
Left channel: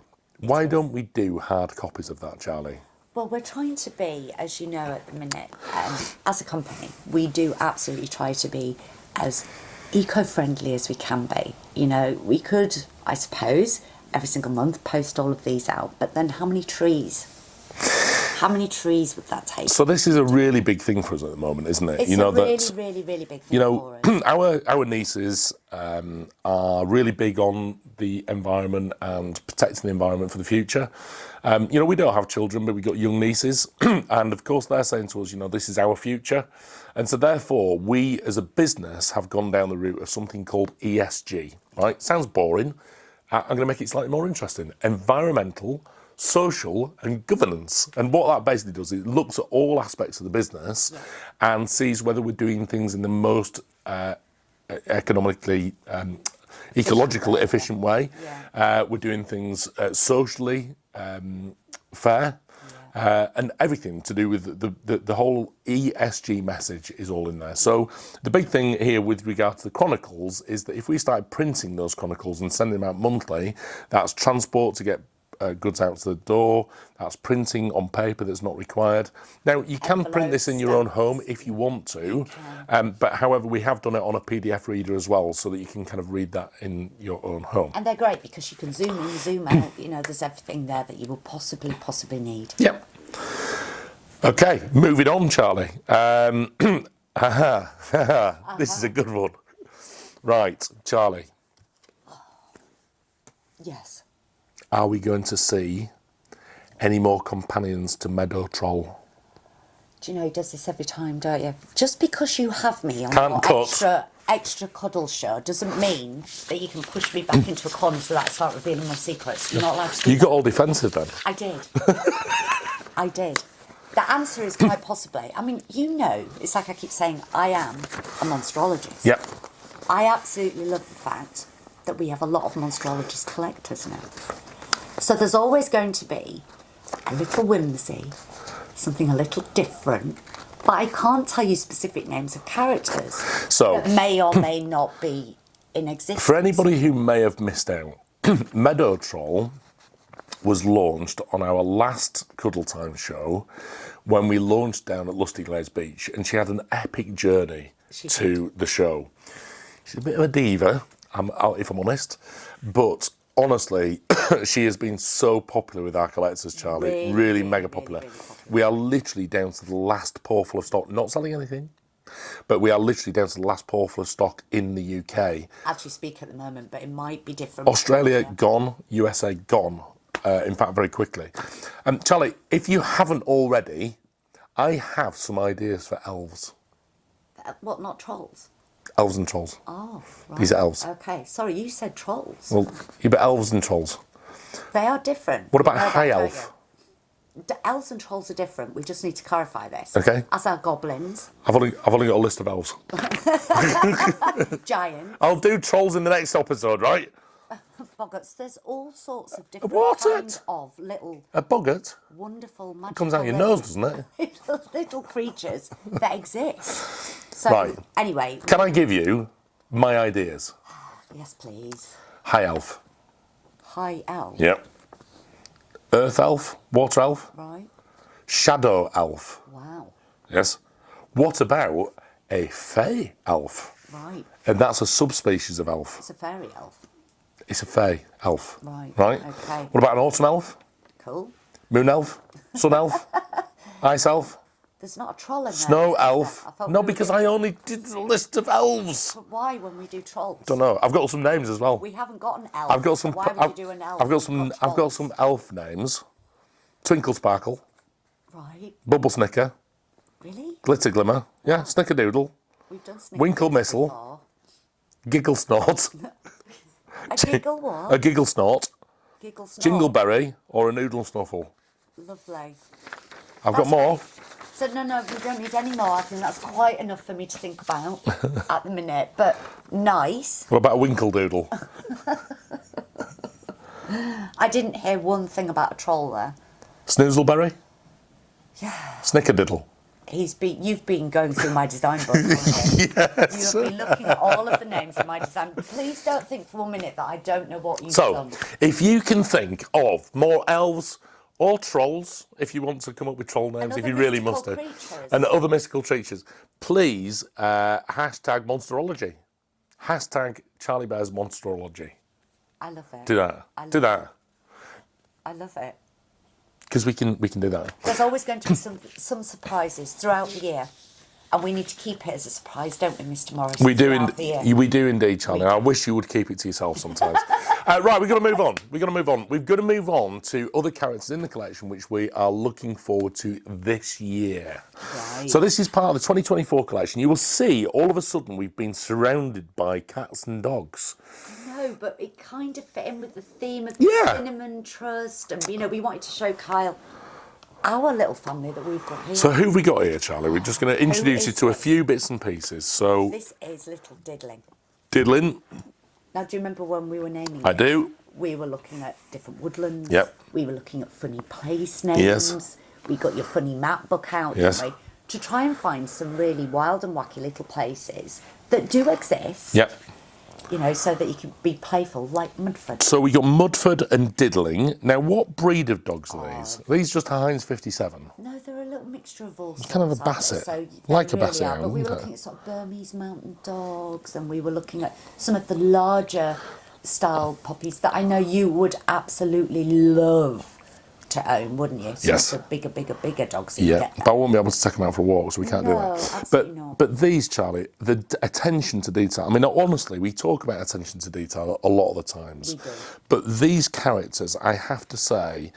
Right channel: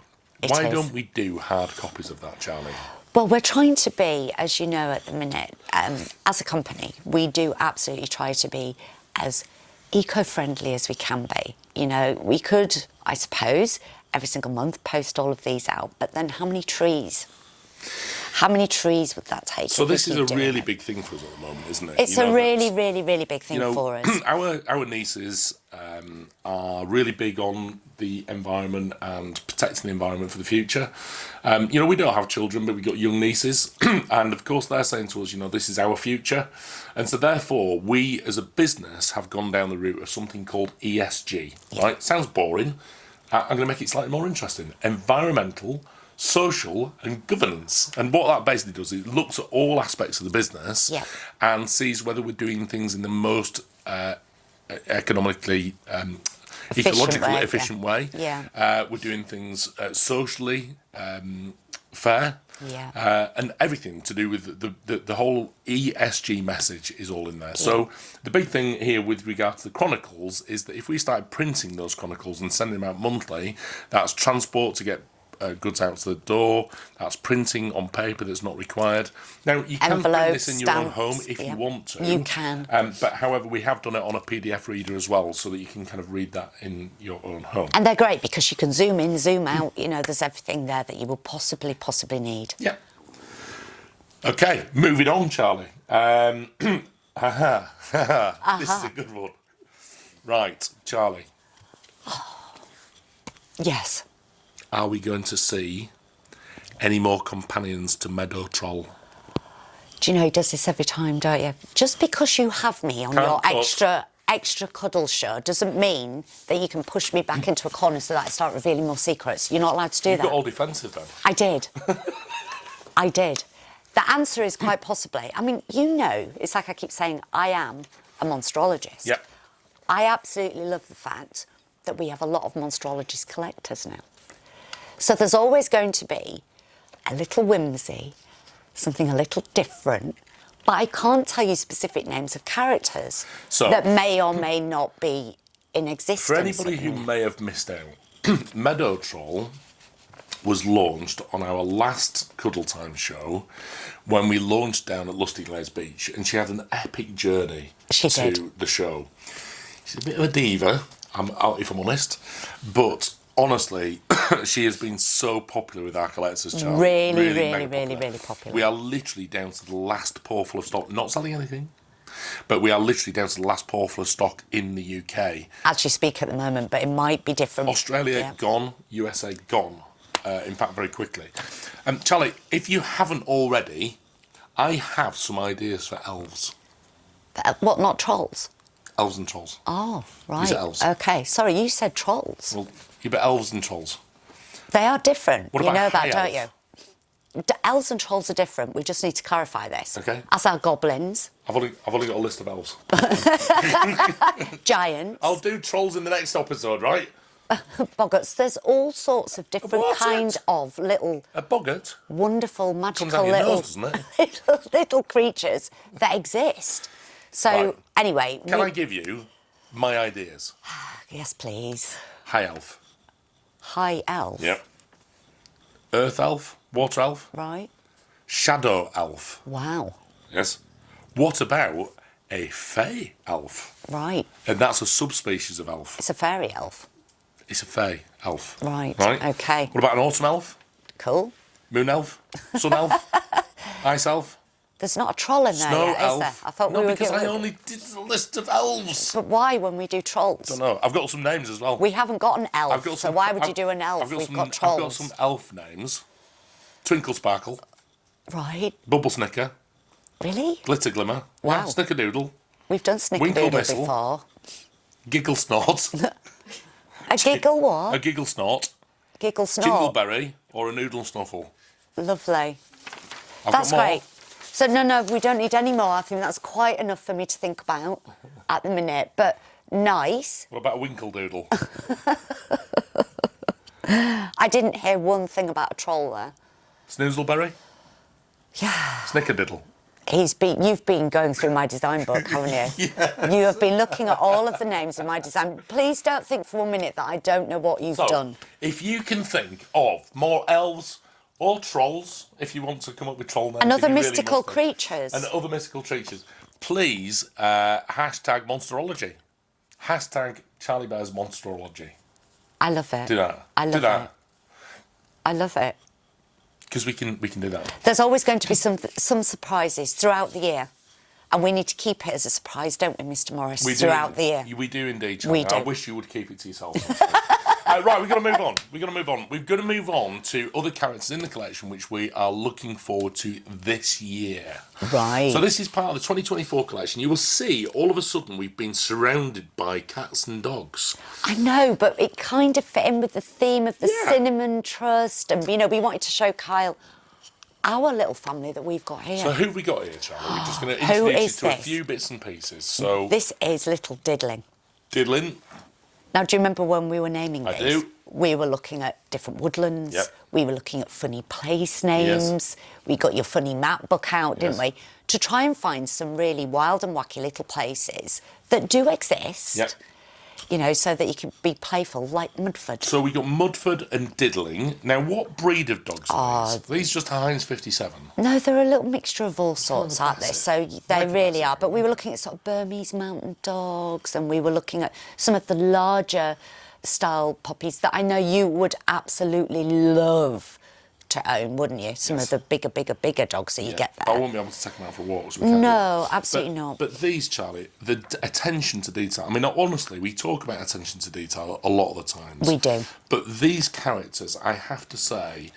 Why don't we do hard copies of that, Charlie? Well, we're trying to be, as you know at the minute, as a company, we do absolutely try to be as eco-friendly as we can be. You know, we could, I suppose, every single month post all of these out, but then how many trees? How many trees would that take? So this is a really big thing for us at the moment, isn't it? It's a really, really, really big thing for us. Our nieces are really big on the environment and protecting the environment for the future. You know, we don't have children, but we've got young nieces. And of course, they're saying to us, you know, this is our future. And so therefore, we as a business have gone down the route of something called ESG, right? Sounds boring. I'm going to make it slightly more interesting. Environmental, social and governance. And what that basically does is it looks at all aspects of the business and sees whether we're doing things in the most economically ecologically efficient way. We're doing things socially fair. And everything to do with the whole ESG message is all in there. So the big thing here with regard to the Chronicles is that if we start printing those Chronicles and sending them out monthly, that's transport to get goods out to the door, that's printing on paper that's not required. Now, you can print this in your own home if you want to. You can. But however, we have done it on a PDF reader as well, so that you can kind of read that in your own home. And they're great because you can zoom in, zoom out, you know, there's everything there that you will possibly need. Yep. Okay, moving on, Charlie. This is a good one. Right, Charlie. Yes. Are we going to see any more companions to Meadow Troll? Do you know he does this every time, don't you? Just because you have me on Can't your cut. extra cuddle show doesn't mean that you can push me back into a corner so that I start revealing more secrets. You're not allowed to do You that. got all defensive then. I did. I did. The answer is quite possibly. I mean, you know, it's like I keep saying, I am a monstrologist. Yep. I absolutely love the fact that we have a lot of monstrologist collectors now. So there's always going to be a little whimsy, something a little different, but I can't tell you specific names of characters that may or may not be in existence. For anybody who may have missed out, Meadow Troll was launched on our last Cuddle Time show when we launched down at Lusty Glades Beach, and she had an epic journey to the show. She's a bit of a diva, if I'm honest, but honestly, she has been so popular with our collectors, Charlie. Really mega popular. Really popular. We are literally down to the last pour full of stock, not selling anything. but we are literally down to the last portal of stock in the UK. As you speak at the moment, but it might be different. Australia gone, USA gone. In fact, very quickly. Charlie, if you haven't already, I have some ideas for elves. What, not trolls? Elves and trolls. Oh, right. These are elves. OK, sorry, you said trolls. Well, yeah, but elves and trolls. They are different. What about you know high that, elf? don't you? Elves and trolls are different. We just need to clarify this. Okay. As are goblins, I've only got a list of elves. giants, I'll do trolls in the next episode, right? boggarts. There's all sorts of different What? kind of little A boggart wonderful, magical comes out your nose, doesn't it? little creatures that exist. So, Right. anyway... Can I give you my ideas? Yes, please. High elf. High elf. Yep. Earth elf, water elf, Right. shadow elf. Wow. Yes. What about a fey elf? Right. And that's a subspecies of elf. It's a fairy elf. It's a fey elf. Right. Right? OK. What about an autumn elf? Cool. Moon elf? Sun elf? Ice elf? There's not a troll in there Snow yet, is elf? there? I thought No, we were because gonna- I only did the list of elves. But why when we do trolls? Don't know. I've got some names as well. We haven't got an elf, I've got some. so why would you do an elf? I've got We've some. got trolls. I've got some elf names. Twinkle Sparkle, Right. Bubble Snicker, Really? Glitter Glimmer, Wow. yeah, Snickerdoodle, We've done Winkle Snickerdoodle Missile. before. Giggle Snort, A giggle what? a Giggle Snort, Giggle snort. Jingleberry, or a Noodle Snuffle. Lovely. I've That's got more. great. So no, we don't need any more. I think that's quite enough for me to think about at the minute. But nice. What about a Winkle Doodle? I didn't hear one thing about a troll there. Snoozleberry, Yeah. Snickerdiddle. You've been going through my design book, haven't you? Yes. You have been looking at all of the names of my design. Please don't think for 1 minute that I don't know what you've So, done. if you can think of more elves or trolls, if you want to come up with troll names, And if other you really mystical must do, creatures. and other mystical creatures, please hashtag Monsterology. Hashtag Charlie Bears Monsterology. I love it. Do that. I love do that. it. I love it. Because we can do that. There's always going to be some surprises throughout the year. And we need to keep it as a surprise, don't we, Mr. Morris, We do, throughout the year? we do indeed, Charlie. We do. I wish you would keep it to yourself sometimes. Right, we've got to move on. We've got to move on to other characters in the collection which we are looking forward to this year. Right. So this is part of the 2024 collection. You will see all of a sudden we've been surrounded by cats and dogs. I know, but it kind of fit in with the theme of the Yeah. Cinnamon Trust. And, we wanted to show Kyle our little family that we've got here. So who have we got here, Charlie? We're just going to Who introduce you is to a this? few bits and pieces. So, This is Little Diddling. Diddlin, Now, do you remember when we were naming this? I do. We were looking at different woodlands. Yep. We were looking at funny place names. Yes. We got your funny map book out, Yes. didn't we? To try and find some really wild and wacky little places that do exist. Yep. So that you can be playful, like Mudford. So we got Mudford and Diddling. Now, what breed of dogs are these? These just a Heinz 57. No, they're a little mixture of all kind of sorts, a aren't they? Basset. So they Like a really Basset are. hound, But we were isn't looking at sort of Burmese mountain dogs, and we were looking at some of the larger style puppies that I know you would absolutely love to own, wouldn't you? Some Yes. of the bigger dogs that you Yeah, get there. but I won't be able to take them out for a walk, so we can't do that. No, absolutely but, not. But these, Charlie, the attention to detail. I mean, honestly, we talk about attention to detail a lot of the times. We do. But these characters, I have to say,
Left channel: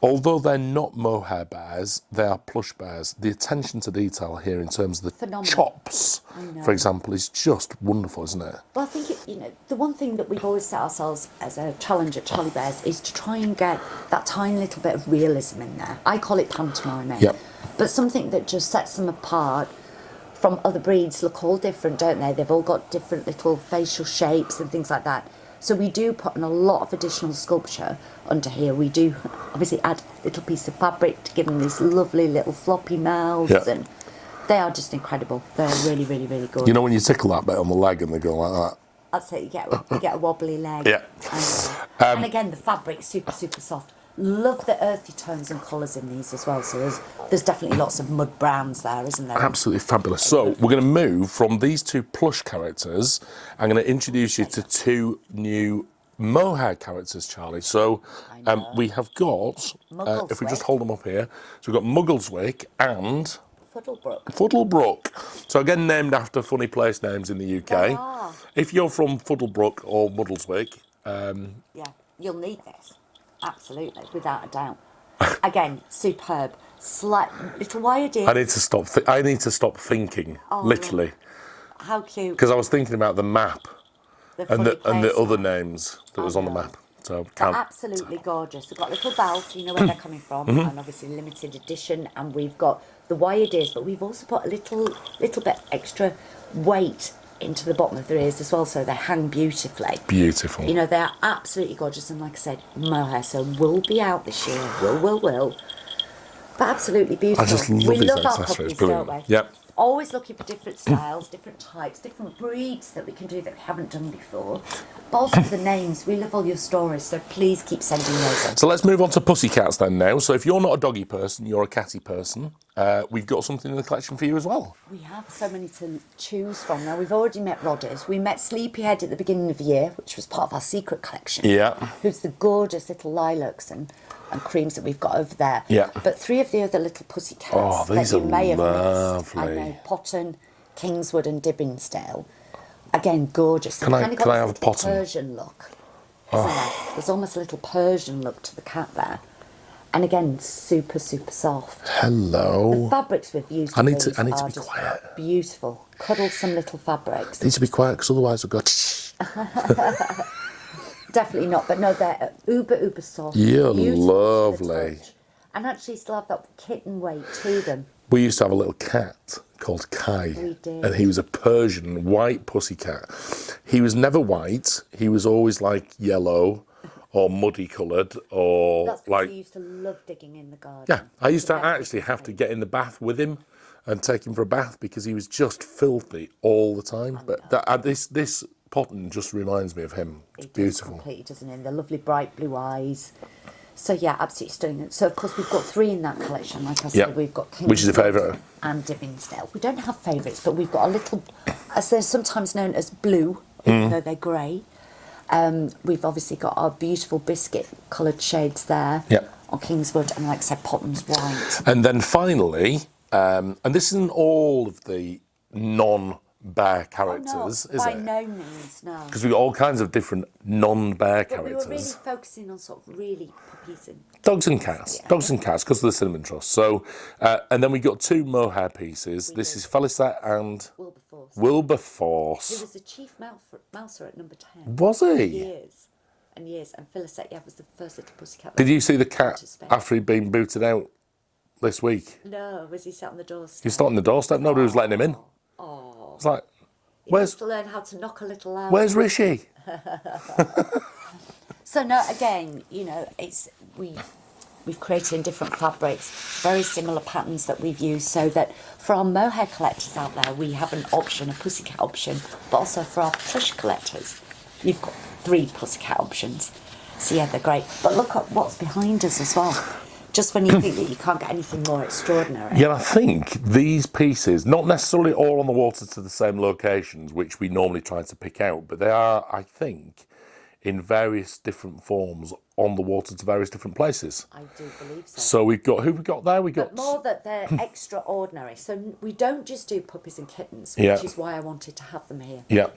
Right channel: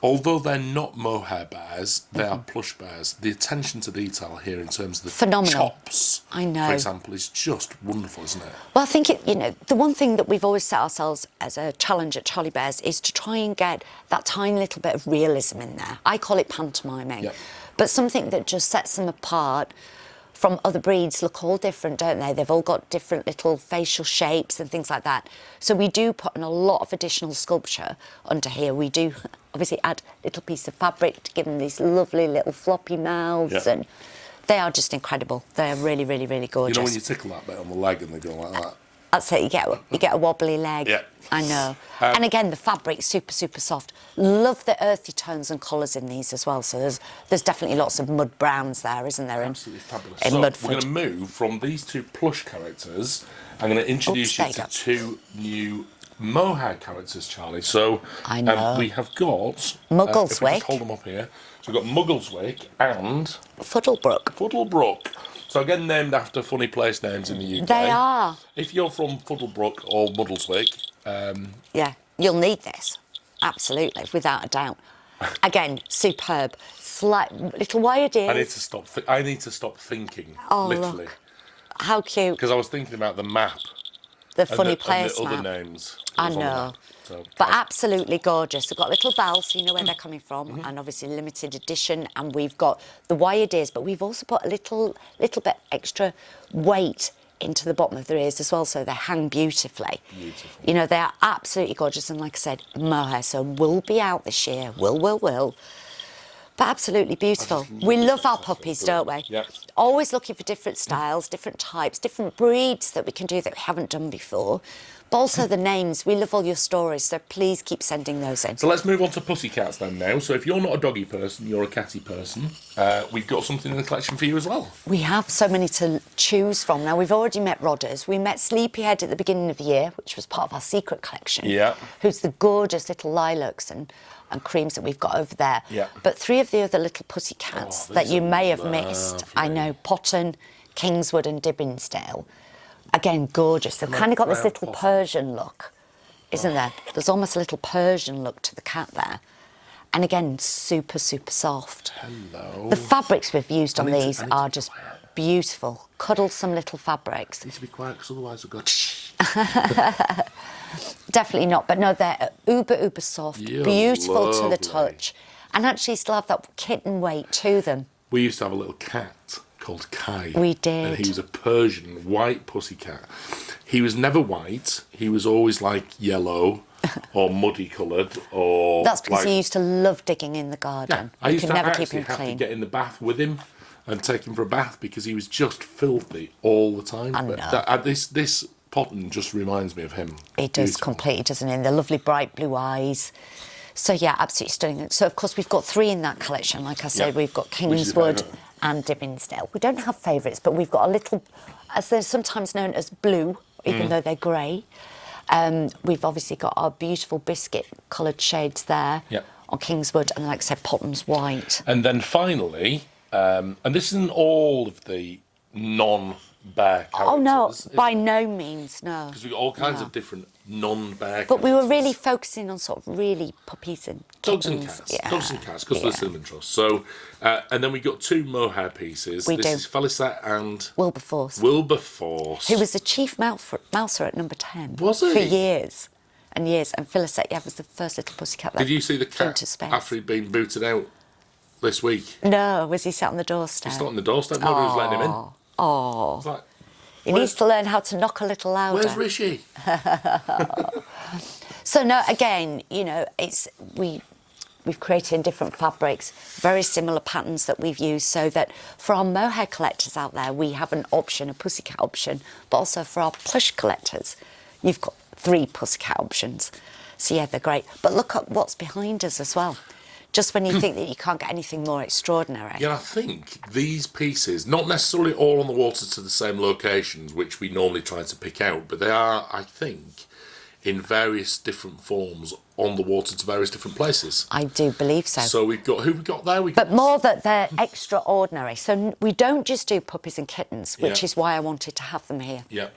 although they're not mohair bears, they are plush bears. The attention to detail here in terms of the Phenomenal. chops, I know. for example, is just wonderful, isn't it? Well, I think, the one thing that we've always set ourselves as a challenge at Charlie Bears is to try and get that tiny little bit of realism in there. I call it pantomiming. Yep. But something that just sets them apart from other breeds. Look all different, don't they? They've all got different little facial shapes and things like that. So we do put in a lot of additional sculpture under here. We do obviously add a little piece of fabric to give them these lovely little floppy mouths, Yeah. and they are just incredible. They're really, really, really gorgeous. You know when you tickle that bit on the leg and they go like that? That's it, you get a wobbly leg. Yeah. I know. And again, the fabric's super, super soft. Love the earthy tones and colours in these as well. So there's definitely lots of mud browns there, isn't there? Absolutely fabulous. in So Mudford. we're going to move from these two plush characters. I'm going to introduce you there to you go. two new mohair characters, Charlie. So I know. we have got if we Muggleswick. just hold them up here. So we've got Muggleswick and Fuddlebrook. Fuddlebrook. So again, named after funny place names in the UK. They are. If you're from Fuddlebrook or Muggleswick, Yeah, you'll need this. Absolutely, without a doubt. Again, superb. Slight little wired ears. I need to stop. I need to stop thinking. Oh, literally, look. How cute. because I was thinking about the map The and funny the place other map. names that I was on the know. map. So But absolutely gorgeous. They've got a little bell, so you know where they're coming from, Mm-hmm. and obviously limited edition. And we've got the wired ears, but we've also put a little bit extra weight into the bottom of their ears as well, so they hang beautifully. beautiful. You know, they are absolutely gorgeous, and like I said, mohair, so will be out this year. Will. But absolutely beautiful. just love We these love our accessories, puppies, don't we? brilliant. Yep. Always looking for different styles, different types, different breeds that we can do that we haven't done before. But also the names. We love all your stories, so please keep sending those in. So let's move on to pussycats then now. So if you're not a doggy person, you're a catty person, we've got something in the collection for you as well. We have so many to choose from. Now, we've already met Rodders. We met Sleepyhead at the beginning of the year, which was part of our secret collection. Yeah. Who's the gorgeous little lilacs and creams that we've got over there. Yeah. But 3 of the other little pussycats Oh, that these you are may have missed. I lovely. know, Potton, Kingswood and Dibbinsdale. Again, gorgeous. They've Can I- kind of got can I this have little Potton? Persian look, isn't there? There's almost a little Persian look to the cat there. And again, super, super soft. Hello. The fabrics we've used I on need to- these I need to are be just quiet. beautiful. Cuddlesome little fabrics. Need to be quiet because otherwise I've got. Definitely not, but no, they're uber soft, Yeah, beautiful to the lovely. touch, and actually still have that kitten weight to them. We used to have a little cat called Kai. We did. And he was a Persian white pussycat. He was never white. He was always like yellow or muddy coloured or. That's because like, he used to love digging in the Yeah, garden. I You used could to never keep actually him have to clean. get in the bath with him and take him for a bath because he was just filthy all the time. I But know. this Potton just reminds me of him. He does Beautiful. completely, doesn't he? And the lovely bright blue eyes. So yeah, absolutely stunning. So of course we've got 3 in that collection. Like I said, Yep. we've got Which is your Kingswood favourite? and Dibbinsdale. We don't have favourites, but we've got a little, as they're sometimes known as blue, even though they're grey. We've obviously got our beautiful biscuit coloured shades there Yep. on Kingswood, and like I said, Potton's white. And then finally, and this isn't all of the non-bear characters. Oh no, is by it? no means, no. Because we've got all kinds of different non-bear But we were characters. really focusing on sort of really puppies and Dogs and kittens. cats. Yeah. Dogs and cats, because of the Cinnamon Trust. So, and then we got 2 mohair pieces. We this do. is Felicette and Wilberforce, Wilberforce. who was the chief mouser at number 10. Was he? For years and years. And Felicette, yeah, was the first little pussycat that Did you see the came cat to space. after he'd been booted out this week? No, was he sat on the doorstep? He stood on the doorstep. Nobody was letting him in. Oh, It's like, he where's- needs to learn how to knock a little louder. where's Rishi? So no, again, you know, we've created in different fabrics, very similar patterns that we've used, so that for our mohair collectors out there, we have an option, a pussycat option, but also for our plush collectors, we've got 3 pussycat options. So yeah, they're great. But look at what's behind us as well. Just when you think that you can't get anything more extraordinary. Yeah, I think these pieces, not necessarily all on the water to the same locations, which we normally try to pick out, but they are, I think, in various different forms on the water to various different places. I do believe so. So we've got, who we got there? We got But more that they're extraordinary. So we don't just do puppies and kittens, which Yeah. is why I wanted to have them here. Yeah,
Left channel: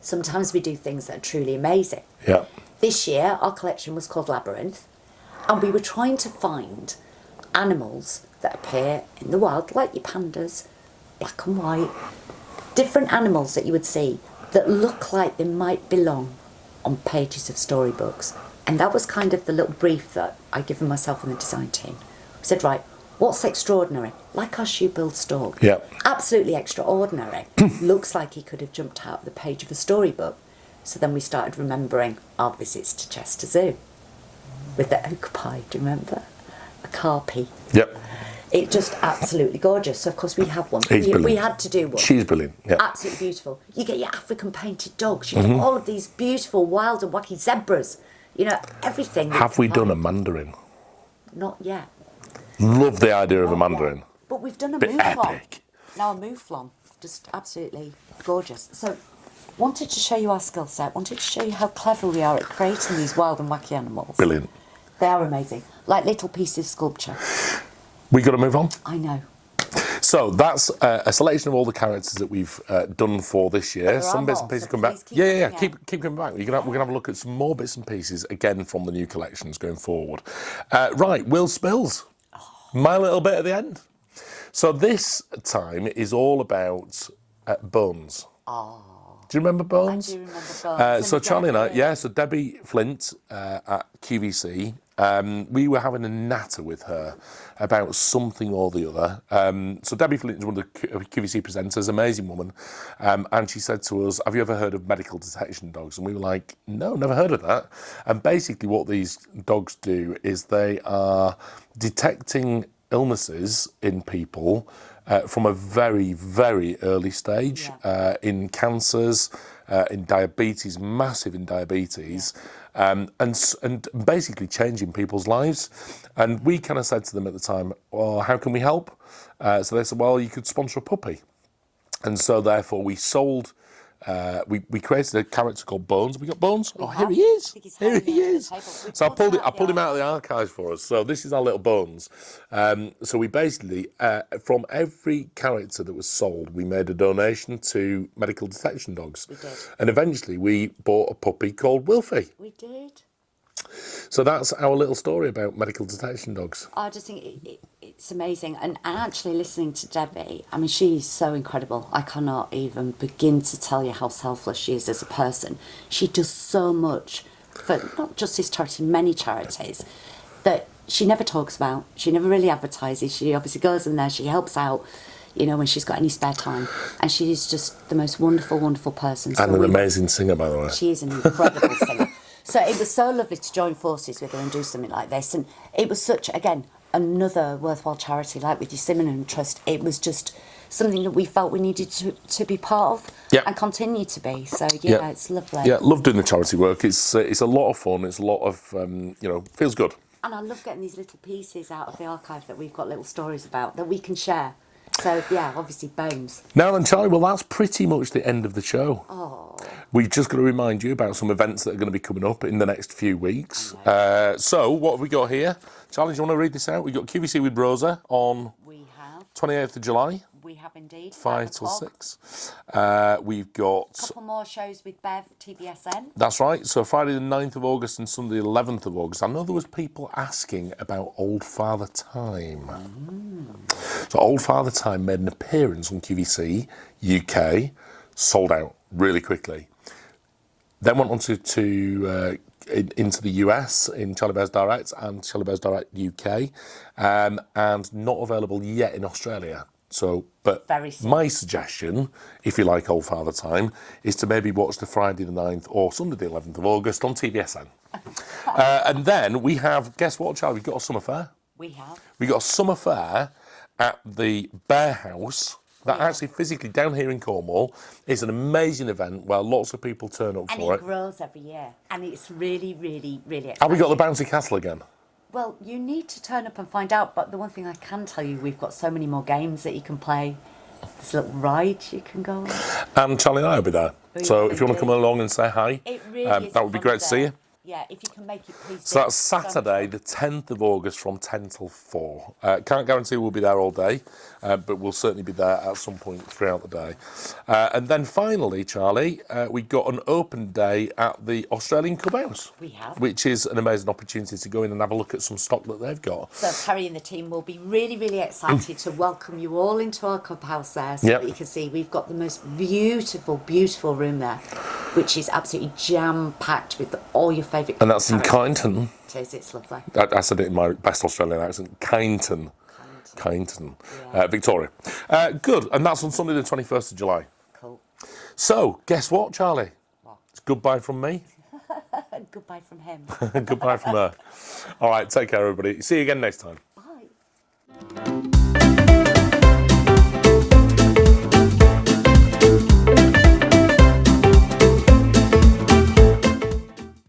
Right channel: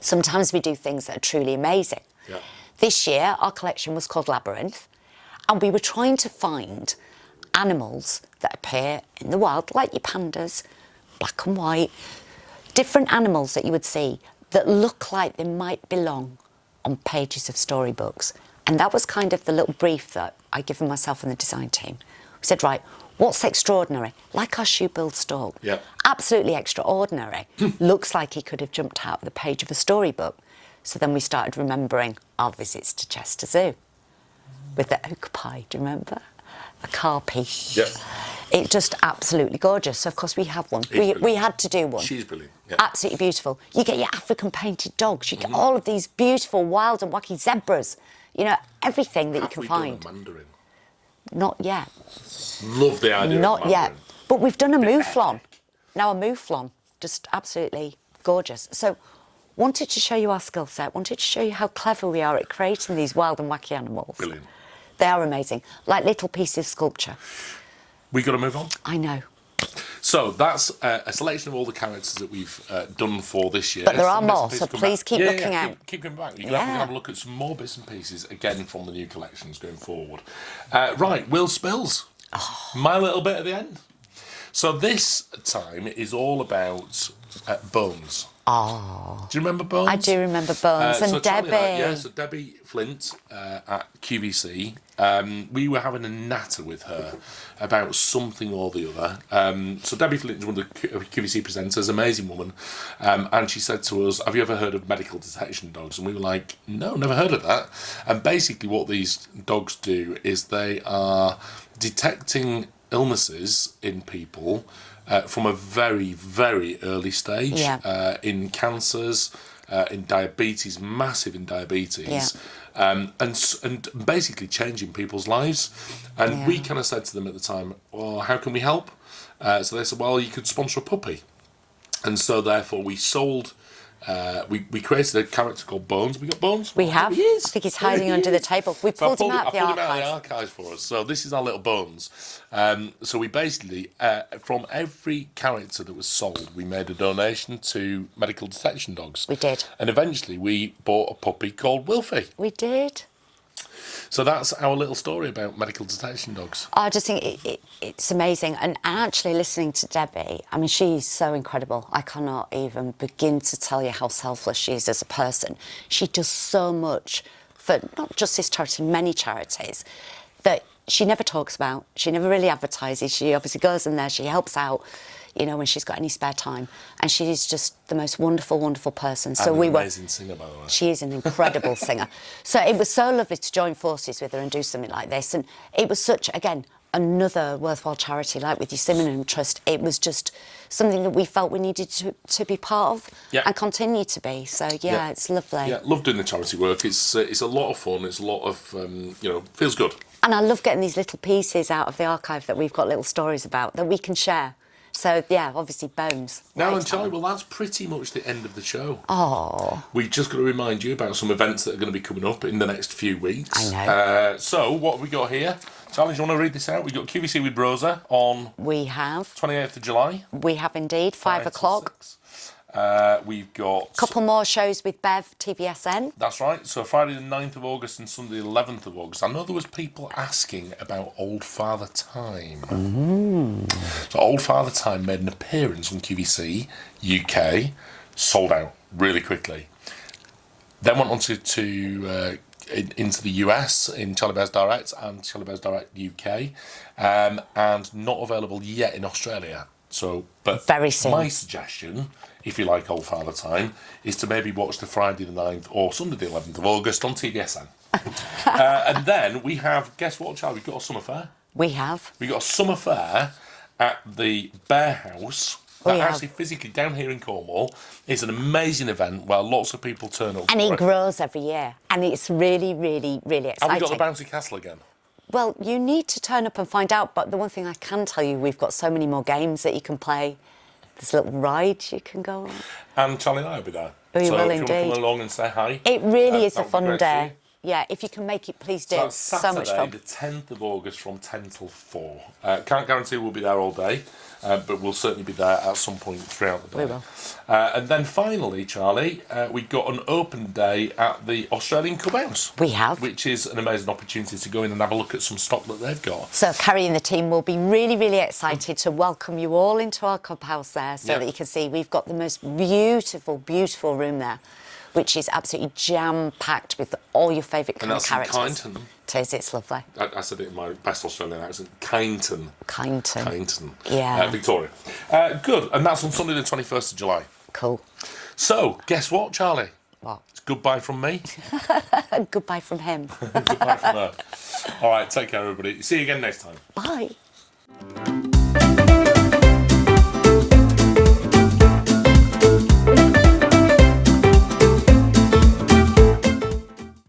Sometimes we do things that are truly amazing. yeah. This year, our collection was called Labyrinth, and we were trying to find animals that appear in the wild, like your pandas, black and white, different animals that you would see that look like they might belong on pages of storybooks. And that was kind of the little brief that I'd given myself and the design team. We said, right, what's extraordinary? Like our shoe-billed stork. Yeah. Absolutely extraordinary. Looks like he could have jumped out of the page of a storybook. So then we started remembering our visits to Chester Zoo with the oak pie, do you remember? A carpy. Yep. It's just absolutely gorgeous. So, of course, we have one. He's We brilliant. had to do one. She's brilliant. Yeah. Absolutely beautiful. You get your African painted dogs. You get all of these beautiful, wild and wacky zebras. You know, everything that Have you we can done a find. mandarin? Not yet. Love the idea of a Not yet. mandarin. But we've done a Bit mouflon. epic. Now a mouflon, just absolutely gorgeous. So wanted to show you our skill set, wanted to show you how clever we are at creating these wild and wacky animals. Brilliant. They are amazing, like little pieces of sculpture. We got to move on. I know. So that's a selection of all the characters that we've done for this year. But there are Some bits more, and pieces so come please back. keep looking out. Keep coming back. We're gonna have a look at some more bits and pieces again from the new collections going forward. Right, Will Spills. My little bit at the end. So this time is all about Bones. Oh. Do you remember Bones? I do remember Bones. And so Charlie and I, Debbie. so Debbie Flint at QVC, we were having a natter with her about something or the other. So Debbie Flint is one of the QVC presenters, amazing woman, and she said to us, "Have you ever heard of medical detection dogs?" And we were like, "No, never heard of that." And basically, what these dogs do is they are detecting illnesses in people from a very, very early stage, in cancers, in diabetes, massive in diabetes, and basically changing people's lives. And we kind of said to them at the time, well, how can we help? So they said, well, you could sponsor a puppy. And so therefore we sold... we created a character called Bones. We got Bones? We have. Here he is. I think he's hiding under the table. We So pulled him I out pulled him out of the archives. archives for us. So this is our little Bones. So we basically, from every character that was sold, we made a donation to medical detection dogs. We did. And eventually we bought a puppy called Wilfie. We did. So that's our little story about medical detection dogs. I just think it's amazing. And actually listening to Debbie, I mean, she's so incredible. I cannot even begin to tell you how selfless she is as a person. She does so much for not just this charity, many charities, that she never talks about. She never really advertises. She obviously goes in there, she helps out, you know, when she's got any spare time. And she's just the most wonderful, wonderful person. And an amazing singer, by the way. She is an incredible singer. So it was so lovely to join forces with her and do something like this. And it was such, again, another worthwhile charity, like with your Simenon Trust. It was just something that we felt we needed to be part of and continue to be. So, it's lovely. Yeah, love doing the charity work. It's a lot of fun. It's a lot of, feels good. And I love getting these little pieces out of the archive that we've got little stories about that we can share. So, obviously Bones. Now and Charlie, well, that's pretty much the end of the show. Oh. We've just got to remind you about some events that are going to be coming up in the next few weeks. I know. So, what have we got here? Charlie, do you want to read this out? We've got QVC with Rosa on... We have. 28th of July. We have indeed, 5 o'clock. We've got... Couple more shows with Bev, TVSN. That's right. So Friday the 9th of August and Sunday the 11th of August. I know there was people asking about Old Father Time. So Old Father Time made an appearance on QVC UK, sold out really quickly. Then went on to into the US in Charlie Bears Direct and Charlie Bears Direct UK, and not available yet in Australia. So, but very soon. My suggestion, if you like Old Father Time, is to maybe watch the Friday the 9th or Sunday the 11th of August on TVSN. And then we have, guess what, Charlie? We've got a summer fair. We have. We've got a summer fair at the Bear House. Actually, physically down here in Cornwall. It's an amazing event where lots of people turn up. And it grows every year. And it's really, really, really exciting. Have we got the bouncy castle again? Well, you need to turn up and find out. But the one thing I can tell you, we've got so many more games that you can play. There's little rides you can go on. And Charlie and I will be there. So if you want to come along and say hi, it really is that a would fun be great day. to see you. Yeah, if you can make it, please do. So that's So much Saturday, fun. the 10th of August from 10 till 4. Can't guarantee we'll be there all day, but we'll certainly be there at some point throughout the day. We will. And then finally, Charlie, we've got an open day at the Australian Clubhouse. We have. Which is an amazing opportunity to go in and have a look at some stock that they've got. So Carrie and the team will be really, really excited to welcome you all into our clubhouse there so that you can see we've got the most beautiful, beautiful room there, which is absolutely jam-packed with all your favourite And that's characters. in Kyneton. It is, it's lovely. I said it in my best Australian accent. Kyneton. Kyneton. Yeah. Victoria. Good. And that's on Sunday the 21st of July. Cool. So, guess what, Charlie? What? It's goodbye from me. Goodbye from him. Goodbye from her. All right, take care, everybody. See you again next time. Bye.